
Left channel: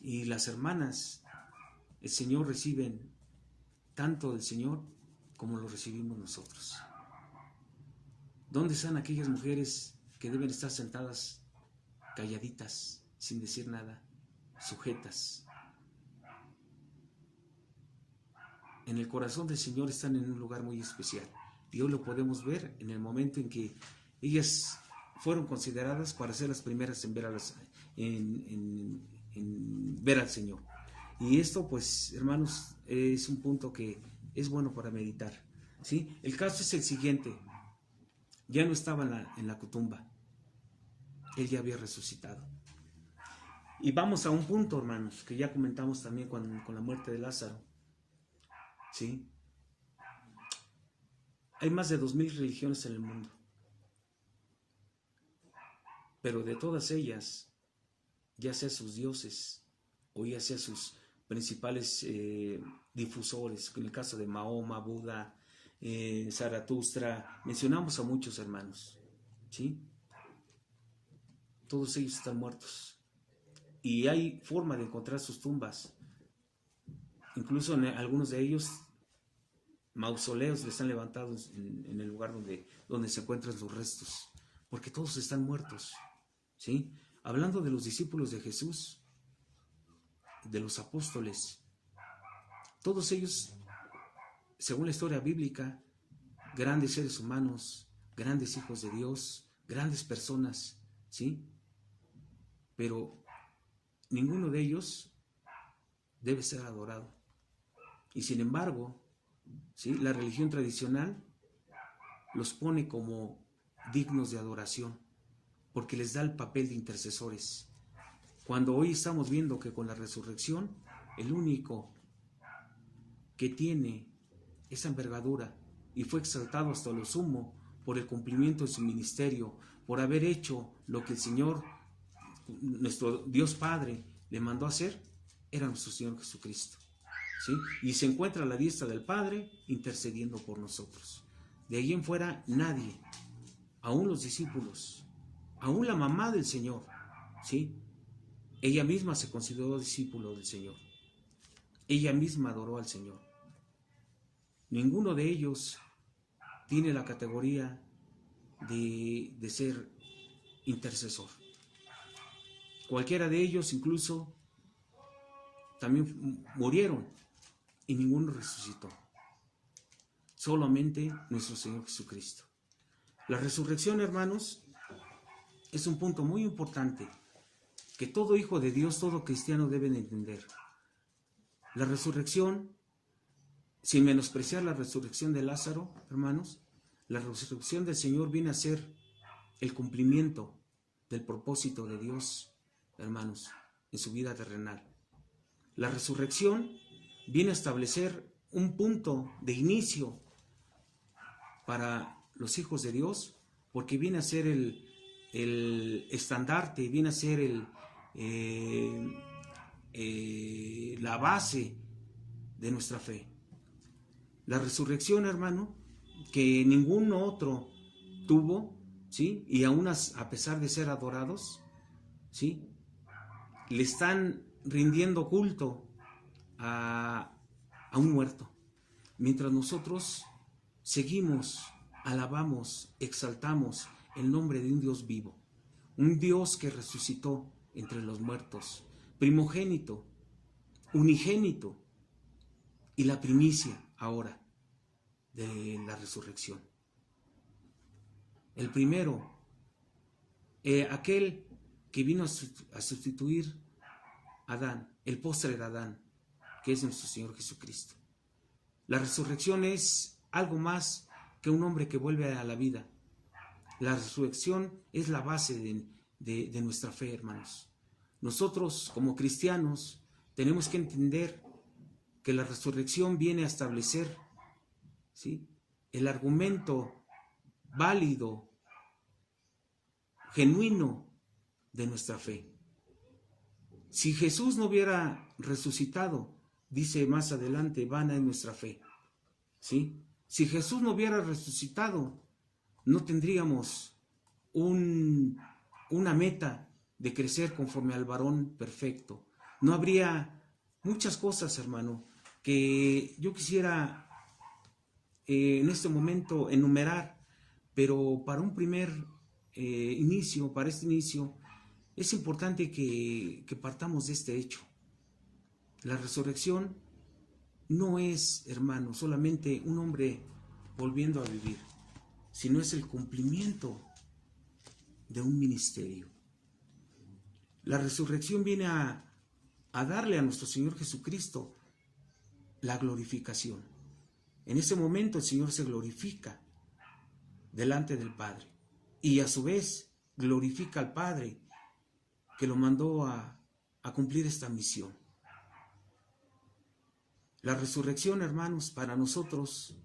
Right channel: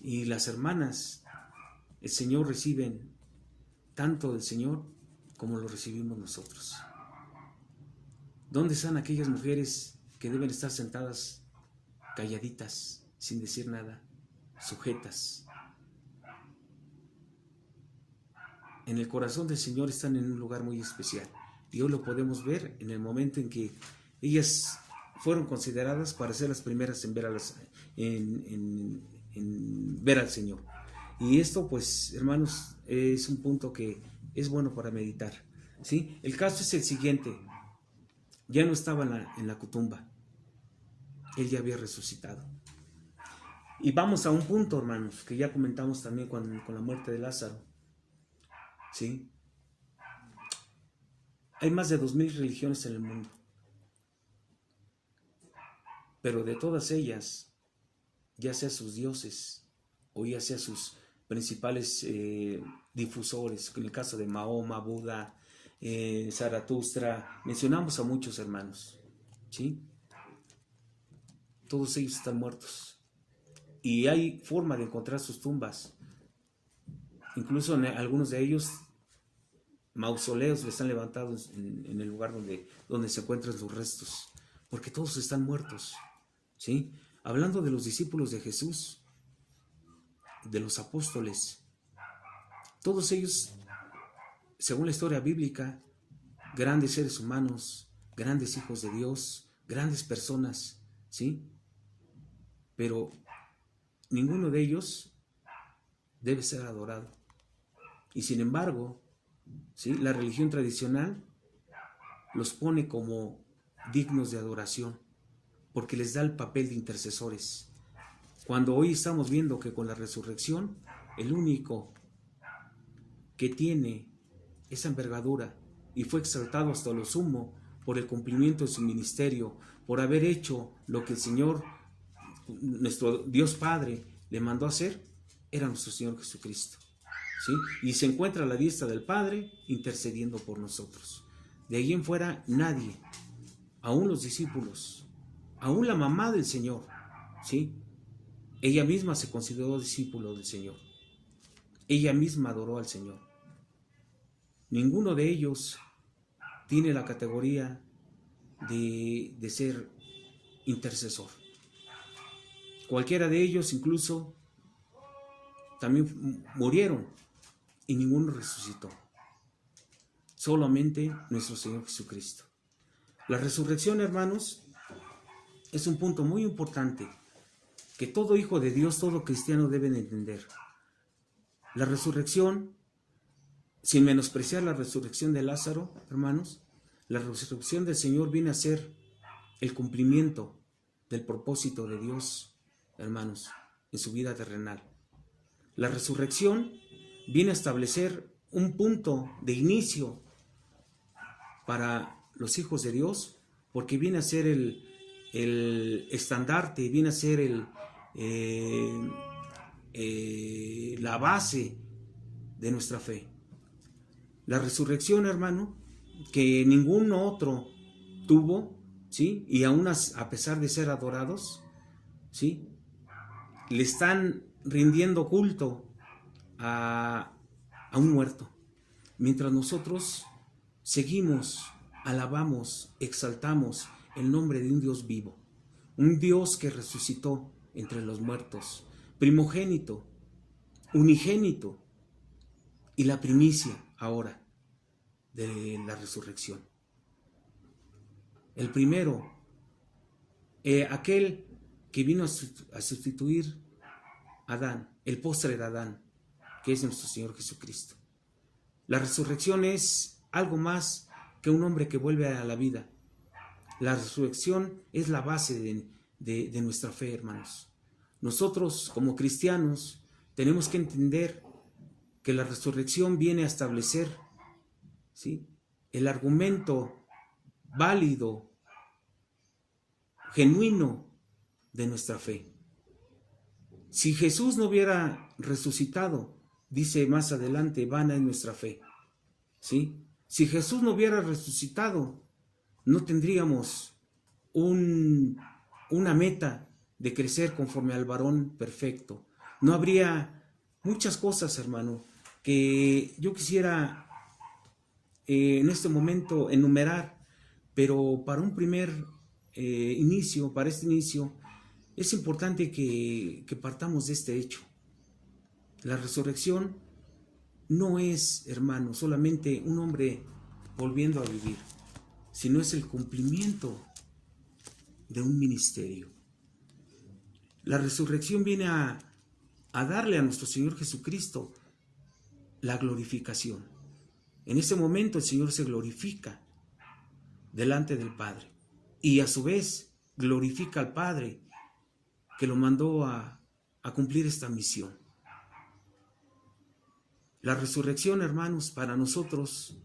Y las hermanas, el Señor reciben tanto del Señor como lo recibimos nosotros. ¿Dónde están aquellas mujeres que deben estar sentadas, calladitas, sin decir nada, sujetas? En el corazón del Señor están en un lugar muy especial. Y hoy lo podemos ver en el momento en que ellas fueron consideradas para ser las primeras en ver, en ver al Señor. Y esto, pues, hermanos, es un punto que es bueno para meditar, ¿sí? El caso es el siguiente. Ya no estaba en la tumba. Él ya había resucitado. Y vamos a un punto, hermanos, que ya comentamos también con la muerte de Lázaro, ¿sí? Hay más de 2000 religiones en el mundo. Pero de todas ellas, ya sea sus dioses o ya sea sus principales difusores, en el caso de Mahoma, Buda, Zaratustra, mencionamos a muchos hermanos, ¿sí? Todos ellos están muertos. Y hay forma de encontrar sus tumbas. Incluso en algunos de ellos, mausoleos les han levantado en el lugar donde se encuentran los restos, porque todos están muertos, ¿sí? Hablando de los discípulos de Jesús, de los apóstoles, todos ellos, según la historia bíblica, grandes seres humanos, grandes hijos de Dios, grandes personas, ¿sí? Pero ninguno de ellos debe ser adorado. Y sin embargo, ¿sí?, la religión tradicional los pone como dignos de adoración, porque les da el papel de intercesores. Cuando hoy estamos viendo que con la resurrección, el único que tiene esa envergadura y fue exaltado hasta lo sumo por el cumplimiento de su ministerio, por haber hecho lo que el Señor, nuestro Dios Padre, le mandó a hacer, era nuestro Señor Jesucristo, ¿sí? Y se encuentra a la diestra del Padre intercediendo por nosotros. De ahí en fuera nadie, aún los discípulos, aún la mamá del Señor, ¿sí?, ella misma se consideró discípulo del Señor. Ella misma adoró al Señor. Ninguno de ellos tiene la categoría de ser intercesor. Cualquiera de ellos incluso también murieron y ninguno resucitó. Solamente nuestro Señor Jesucristo. La resurrección, hermanos, es un punto muy importante que todo hijo de Dios, todo cristiano deben entender. La resurrección, sin menospreciar la resurrección de Lázaro, hermanos, la resurrección del Señor viene a ser el cumplimiento del propósito de Dios, hermanos, en su vida terrenal. La resurrección viene a establecer un punto de inicio para los hijos de Dios, porque viene a ser el estandarte, viene a ser la base de nuestra fe. La resurrección, hermano, que ningún otro tuvo, ¿sí? Y aún a pesar de ser adorados, ¿sí?, le están rindiendo culto a un muerto, mientras nosotros seguimos, alabamos, exaltamos el nombre de un Dios vivo, un Dios que resucitó entre los muertos, primogénito, unigénito y la primicia ahora de la resurrección. El primero, aquel que vino a sustituir a Adán, el postre de Adán, que es nuestro Señor Jesucristo. La resurrección es algo más que un hombre que vuelve a la vida. La resurrección es la base de nuestra fe, hermanos. Nosotros, como cristianos, tenemos que entender que la resurrección viene a establecer, ¿sí?, el argumento válido, genuino de nuestra fe. Si Jesús no hubiera resucitado, dice más adelante, vana es nuestra fe, ¿sí? Si Jesús no hubiera resucitado, no tendríamos una meta de crecer conforme al varón perfecto. No habría muchas cosas, hermano, que yo quisiera en este momento enumerar, pero para un primer inicio, para este inicio, es importante que partamos de este hecho. La resurrección no es, hermano, solamente un hombre volviendo a vivir, sino es el cumplimiento de un ministerio. La resurrección viene a darle a nuestro Señor Jesucristo la glorificación. En ese momento el Señor se glorifica delante del Padre y a su vez glorifica al Padre que lo mandó a cumplir esta misión. La resurrección, hermanos, para nosotros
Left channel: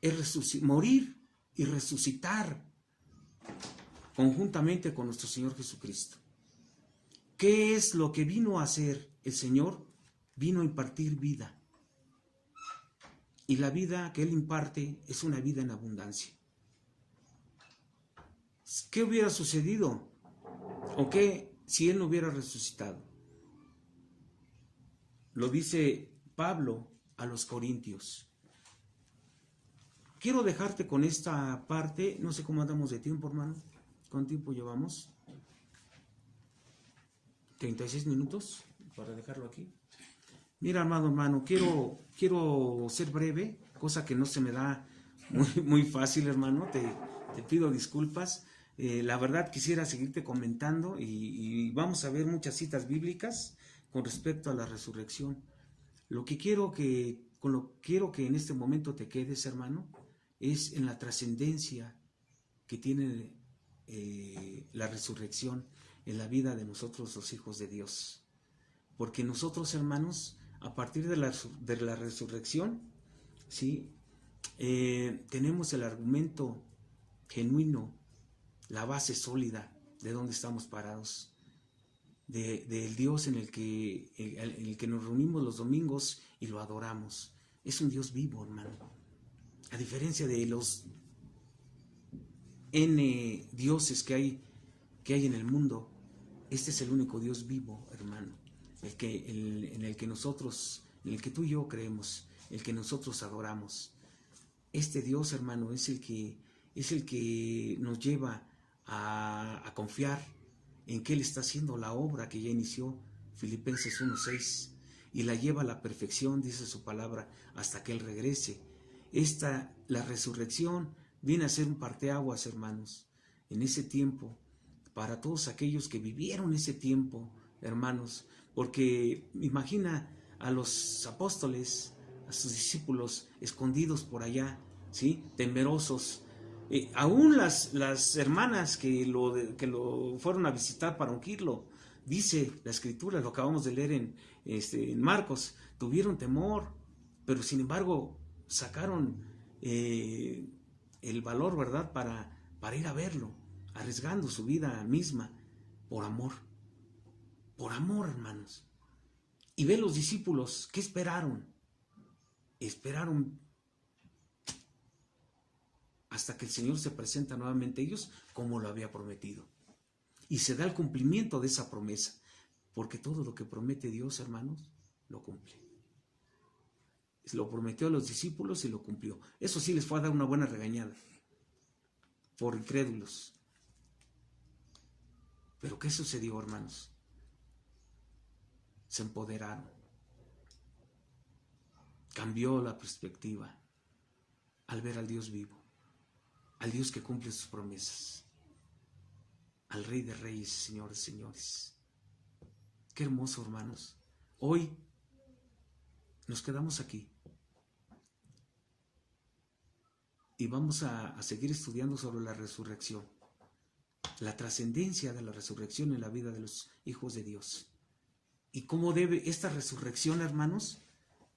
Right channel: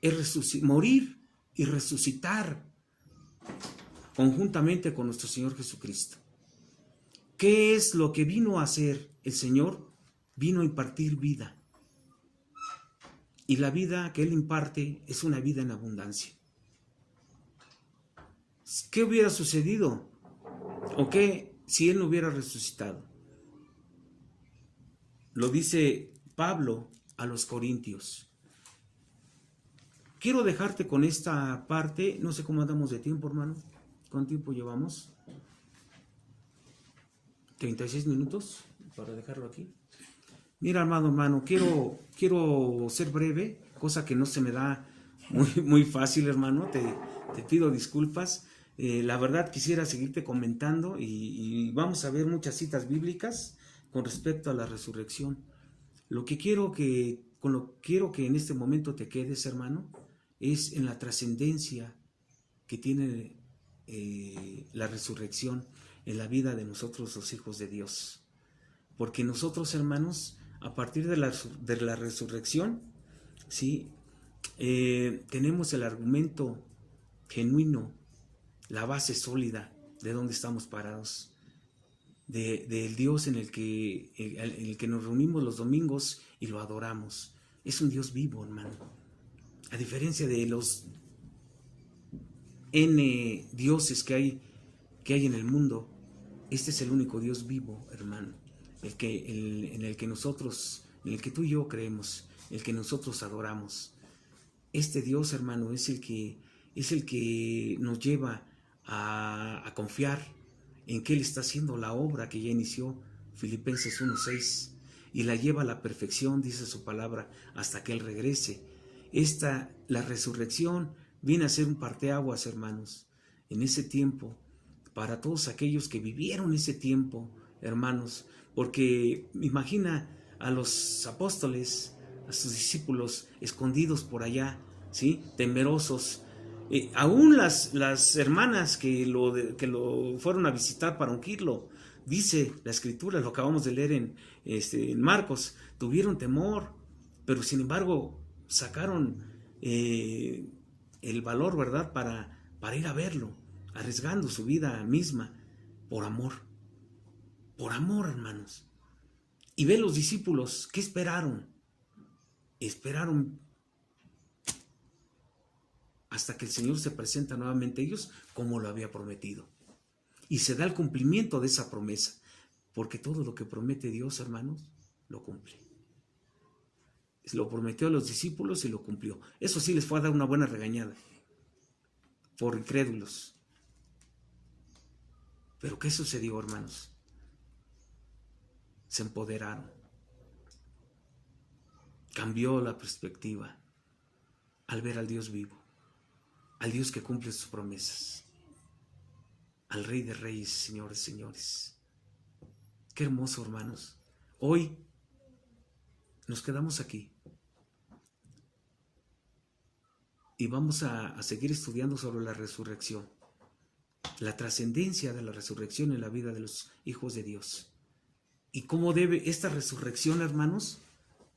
es morir y resucitar conjuntamente con nuestro Señor Jesucristo. ¿Qué es lo que vino a hacer el Señor? Vino a impartir vida. Y la vida que Él imparte es una vida en abundancia. ¿Qué hubiera sucedido? ¿O qué si Él no hubiera resucitado? Lo dice Pablo a los Corintios. Quiero dejarte con esta parte. No sé cómo andamos de tiempo, hermano. ¿Cuánto tiempo llevamos? 36 minutos para dejarlo aquí. Mira, hermano, quiero ser breve, cosa que no se me da muy fácil, hermano. Te pido disculpas. La verdad quisiera seguirte comentando y vamos a ver muchas citas bíblicas con respecto a la resurrección. Con lo que quiero que en este momento te quedes, hermano, es en la trascendencia que tiene la resurrección en la vida de nosotros los hijos de Dios. Porque nosotros, hermanos, a partir de la resurrección, ¿sí? Tenemos el argumento genuino, la base sólida de donde estamos parados, del Dios en el que nos reunimos los domingos y lo adoramos. Es un Dios vivo, hermano. A diferencia de los N dioses que hay en el mundo, este es el único Dios vivo, hermano, en el que tú y yo creemos, el que nosotros adoramos. Este Dios, hermano, es el que nos lleva a confiar en que Él está haciendo la obra que ya inició, Filipenses 1:6, y la lleva a la perfección, dice su palabra, hasta que Él regrese. La resurrección viene a ser un parteaguas, hermanos, en ese tiempo, para todos aquellos que vivieron ese tiempo, hermanos, porque imagina a los apóstoles, a sus discípulos escondidos por allá, ¿sí? Temerosos. Aún las hermanas que lo fueron a visitar para ungirlo, dice la Escritura, lo acabamos de leer en Marcos, tuvieron temor, pero sin embargo sacaron el valor, ¿verdad?, para ir a verlo, arriesgando su vida misma por amor, hermanos. Y ven los discípulos, ¿qué esperaron? Esperaron hasta que el Señor se presenta nuevamente a ellos como lo había prometido. Y se da el cumplimiento de esa promesa, porque todo lo que promete Dios, hermanos, lo cumple. Lo prometió a los discípulos y lo cumplió. Eso sí les fue a dar una buena regañada por incrédulos. Pero ¿qué sucedió, hermanos? Se empoderaron. Cambió la perspectiva al ver al Dios vivo, al Dios que cumple sus promesas, al Rey de Reyes, señores, señores. Qué hermoso, hermanos. Hoy nos quedamos aquí y vamos a seguir estudiando sobre la resurrección, la trascendencia de la resurrección en la vida de los hijos de Dios. Y cómo debe esta resurrección, hermanos,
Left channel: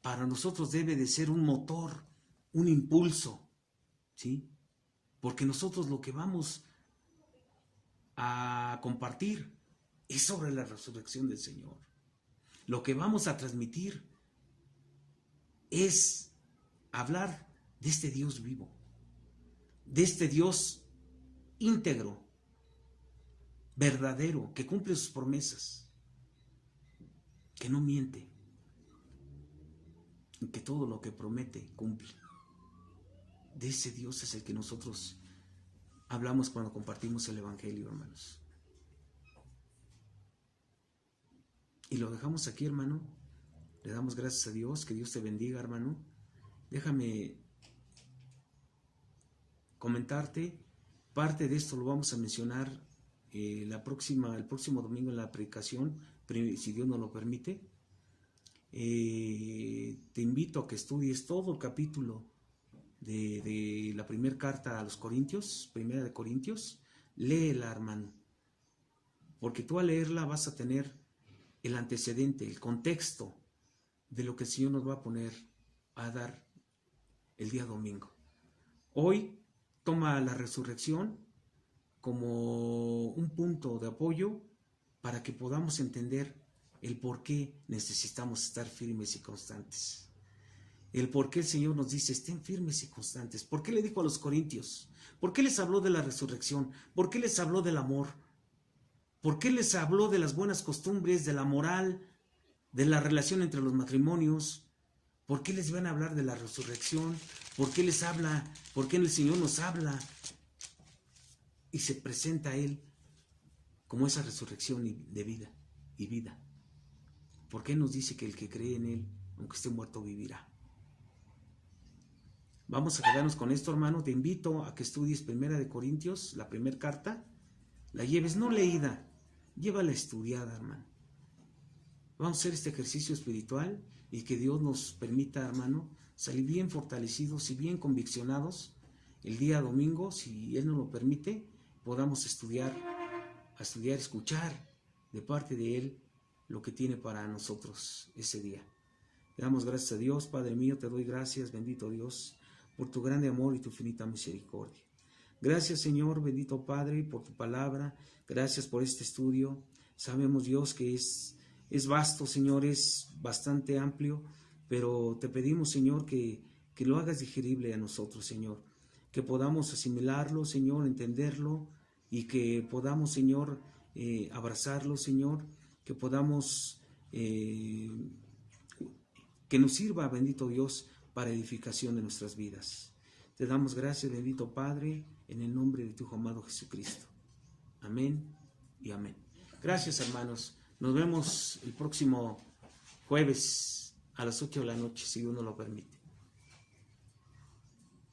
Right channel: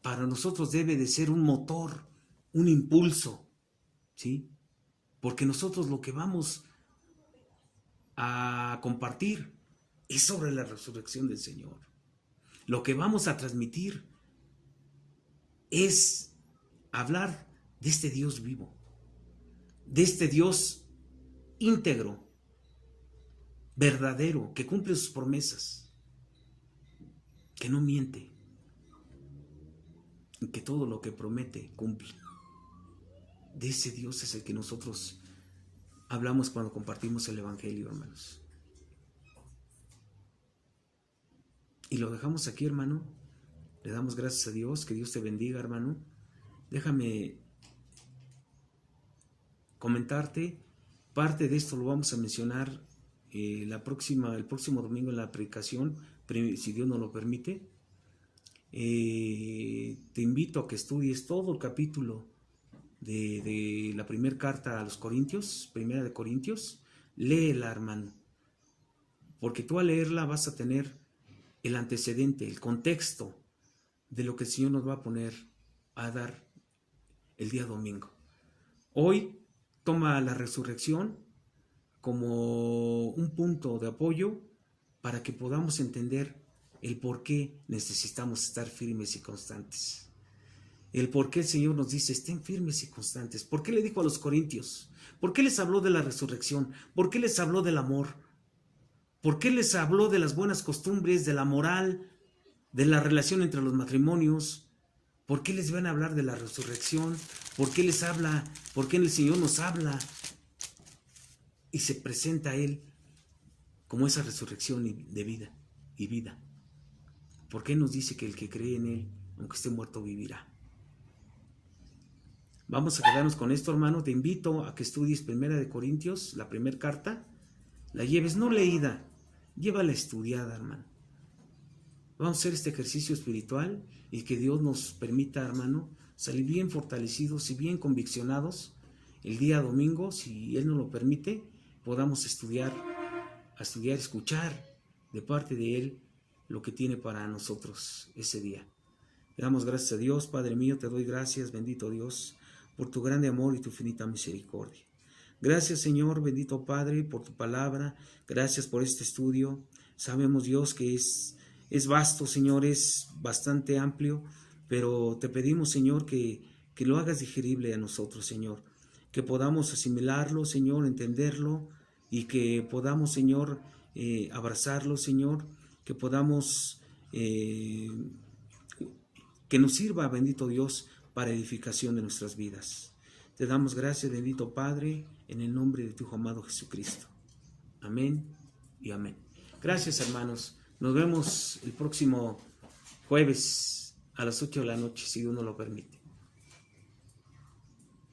para nosotros debe de ser un motor, un impulso, ¿sí? Porque nosotros lo que vamos a compartir es sobre la resurrección del Señor. Lo que vamos a transmitir es hablar de este Dios vivo, de este Dios íntegro, verdadero, que cumple sus promesas, que no miente, y que todo lo que promete cumple. De ese Dios es el que nosotros hablamos cuando compartimos el Evangelio, hermanos. Y lo dejamos aquí, hermano. Le damos gracias a Dios. Que Dios te bendiga, hermano. Déjame comentarte. Parte de esto lo vamos a mencionar el próximo domingo en la predicación, si Dios nos lo permite. Te invito a que estudies todo el capítulo de la primera carta a los Corintios, primera de Corintios. Léela, hermano, porque tú al leerla vas a tener el antecedente, el contexto de lo que el Señor nos va a dar el día domingo. Hoy toma la resurrección como un punto de apoyo para que podamos entender el por qué necesitamos estar firmes y constantes. El por qué el Señor nos dice, estén firmes y constantes. ¿Por qué le dijo a los corintios? ¿Por qué les habló de la resurrección? ¿Por qué les habló del amor? ¿Por qué les habló de las buenas costumbres, de la moral, de la relación entre los matrimonios? ¿Por qué les van a hablar de la resurrección? ¿Por qué les habla? ¿Por qué el Señor nos habla? Y se presenta a Él como esa resurrección de vida y vida. ¿Por qué nos dice que el que cree en Él, aunque esté muerto, vivirá? Vamos a quedarnos con esto, hermano. Te invito a que estudies Primera de Corintios, la primera carta. La lleves no leída, llévala estudiada, hermano. Vamos a hacer este ejercicio espiritual y que Dios nos permita, hermano, salir bien fortalecidos y bien conviccionados el día domingo, si Él nos lo permite, podamos escuchar de parte de Él lo que tiene para nosotros ese día. Le damos gracias a Dios. Padre mío, te doy gracias, bendito Dios, por tu grande amor y tu infinita misericordia. Gracias, Señor, bendito Padre, por tu palabra. Gracias por este estudio. Sabemos, Dios, que es vasto, Señor, es bastante amplio, pero te pedimos, Señor, que lo hagas digerible a nosotros, Señor. Que podamos asimilarlo, Señor, entenderlo, y que podamos, Señor, abrazarlo, Señor. Que podamos, que nos sirva, bendito Dios, para edificación de nuestras vidas. Te damos gracias, bendito Padre, en el nombre de tu Hijo amado Jesucristo. Amén y amén. Gracias, hermanos. Nos vemos el próximo jueves a las 8 de la noche, si Dios nos lo permite.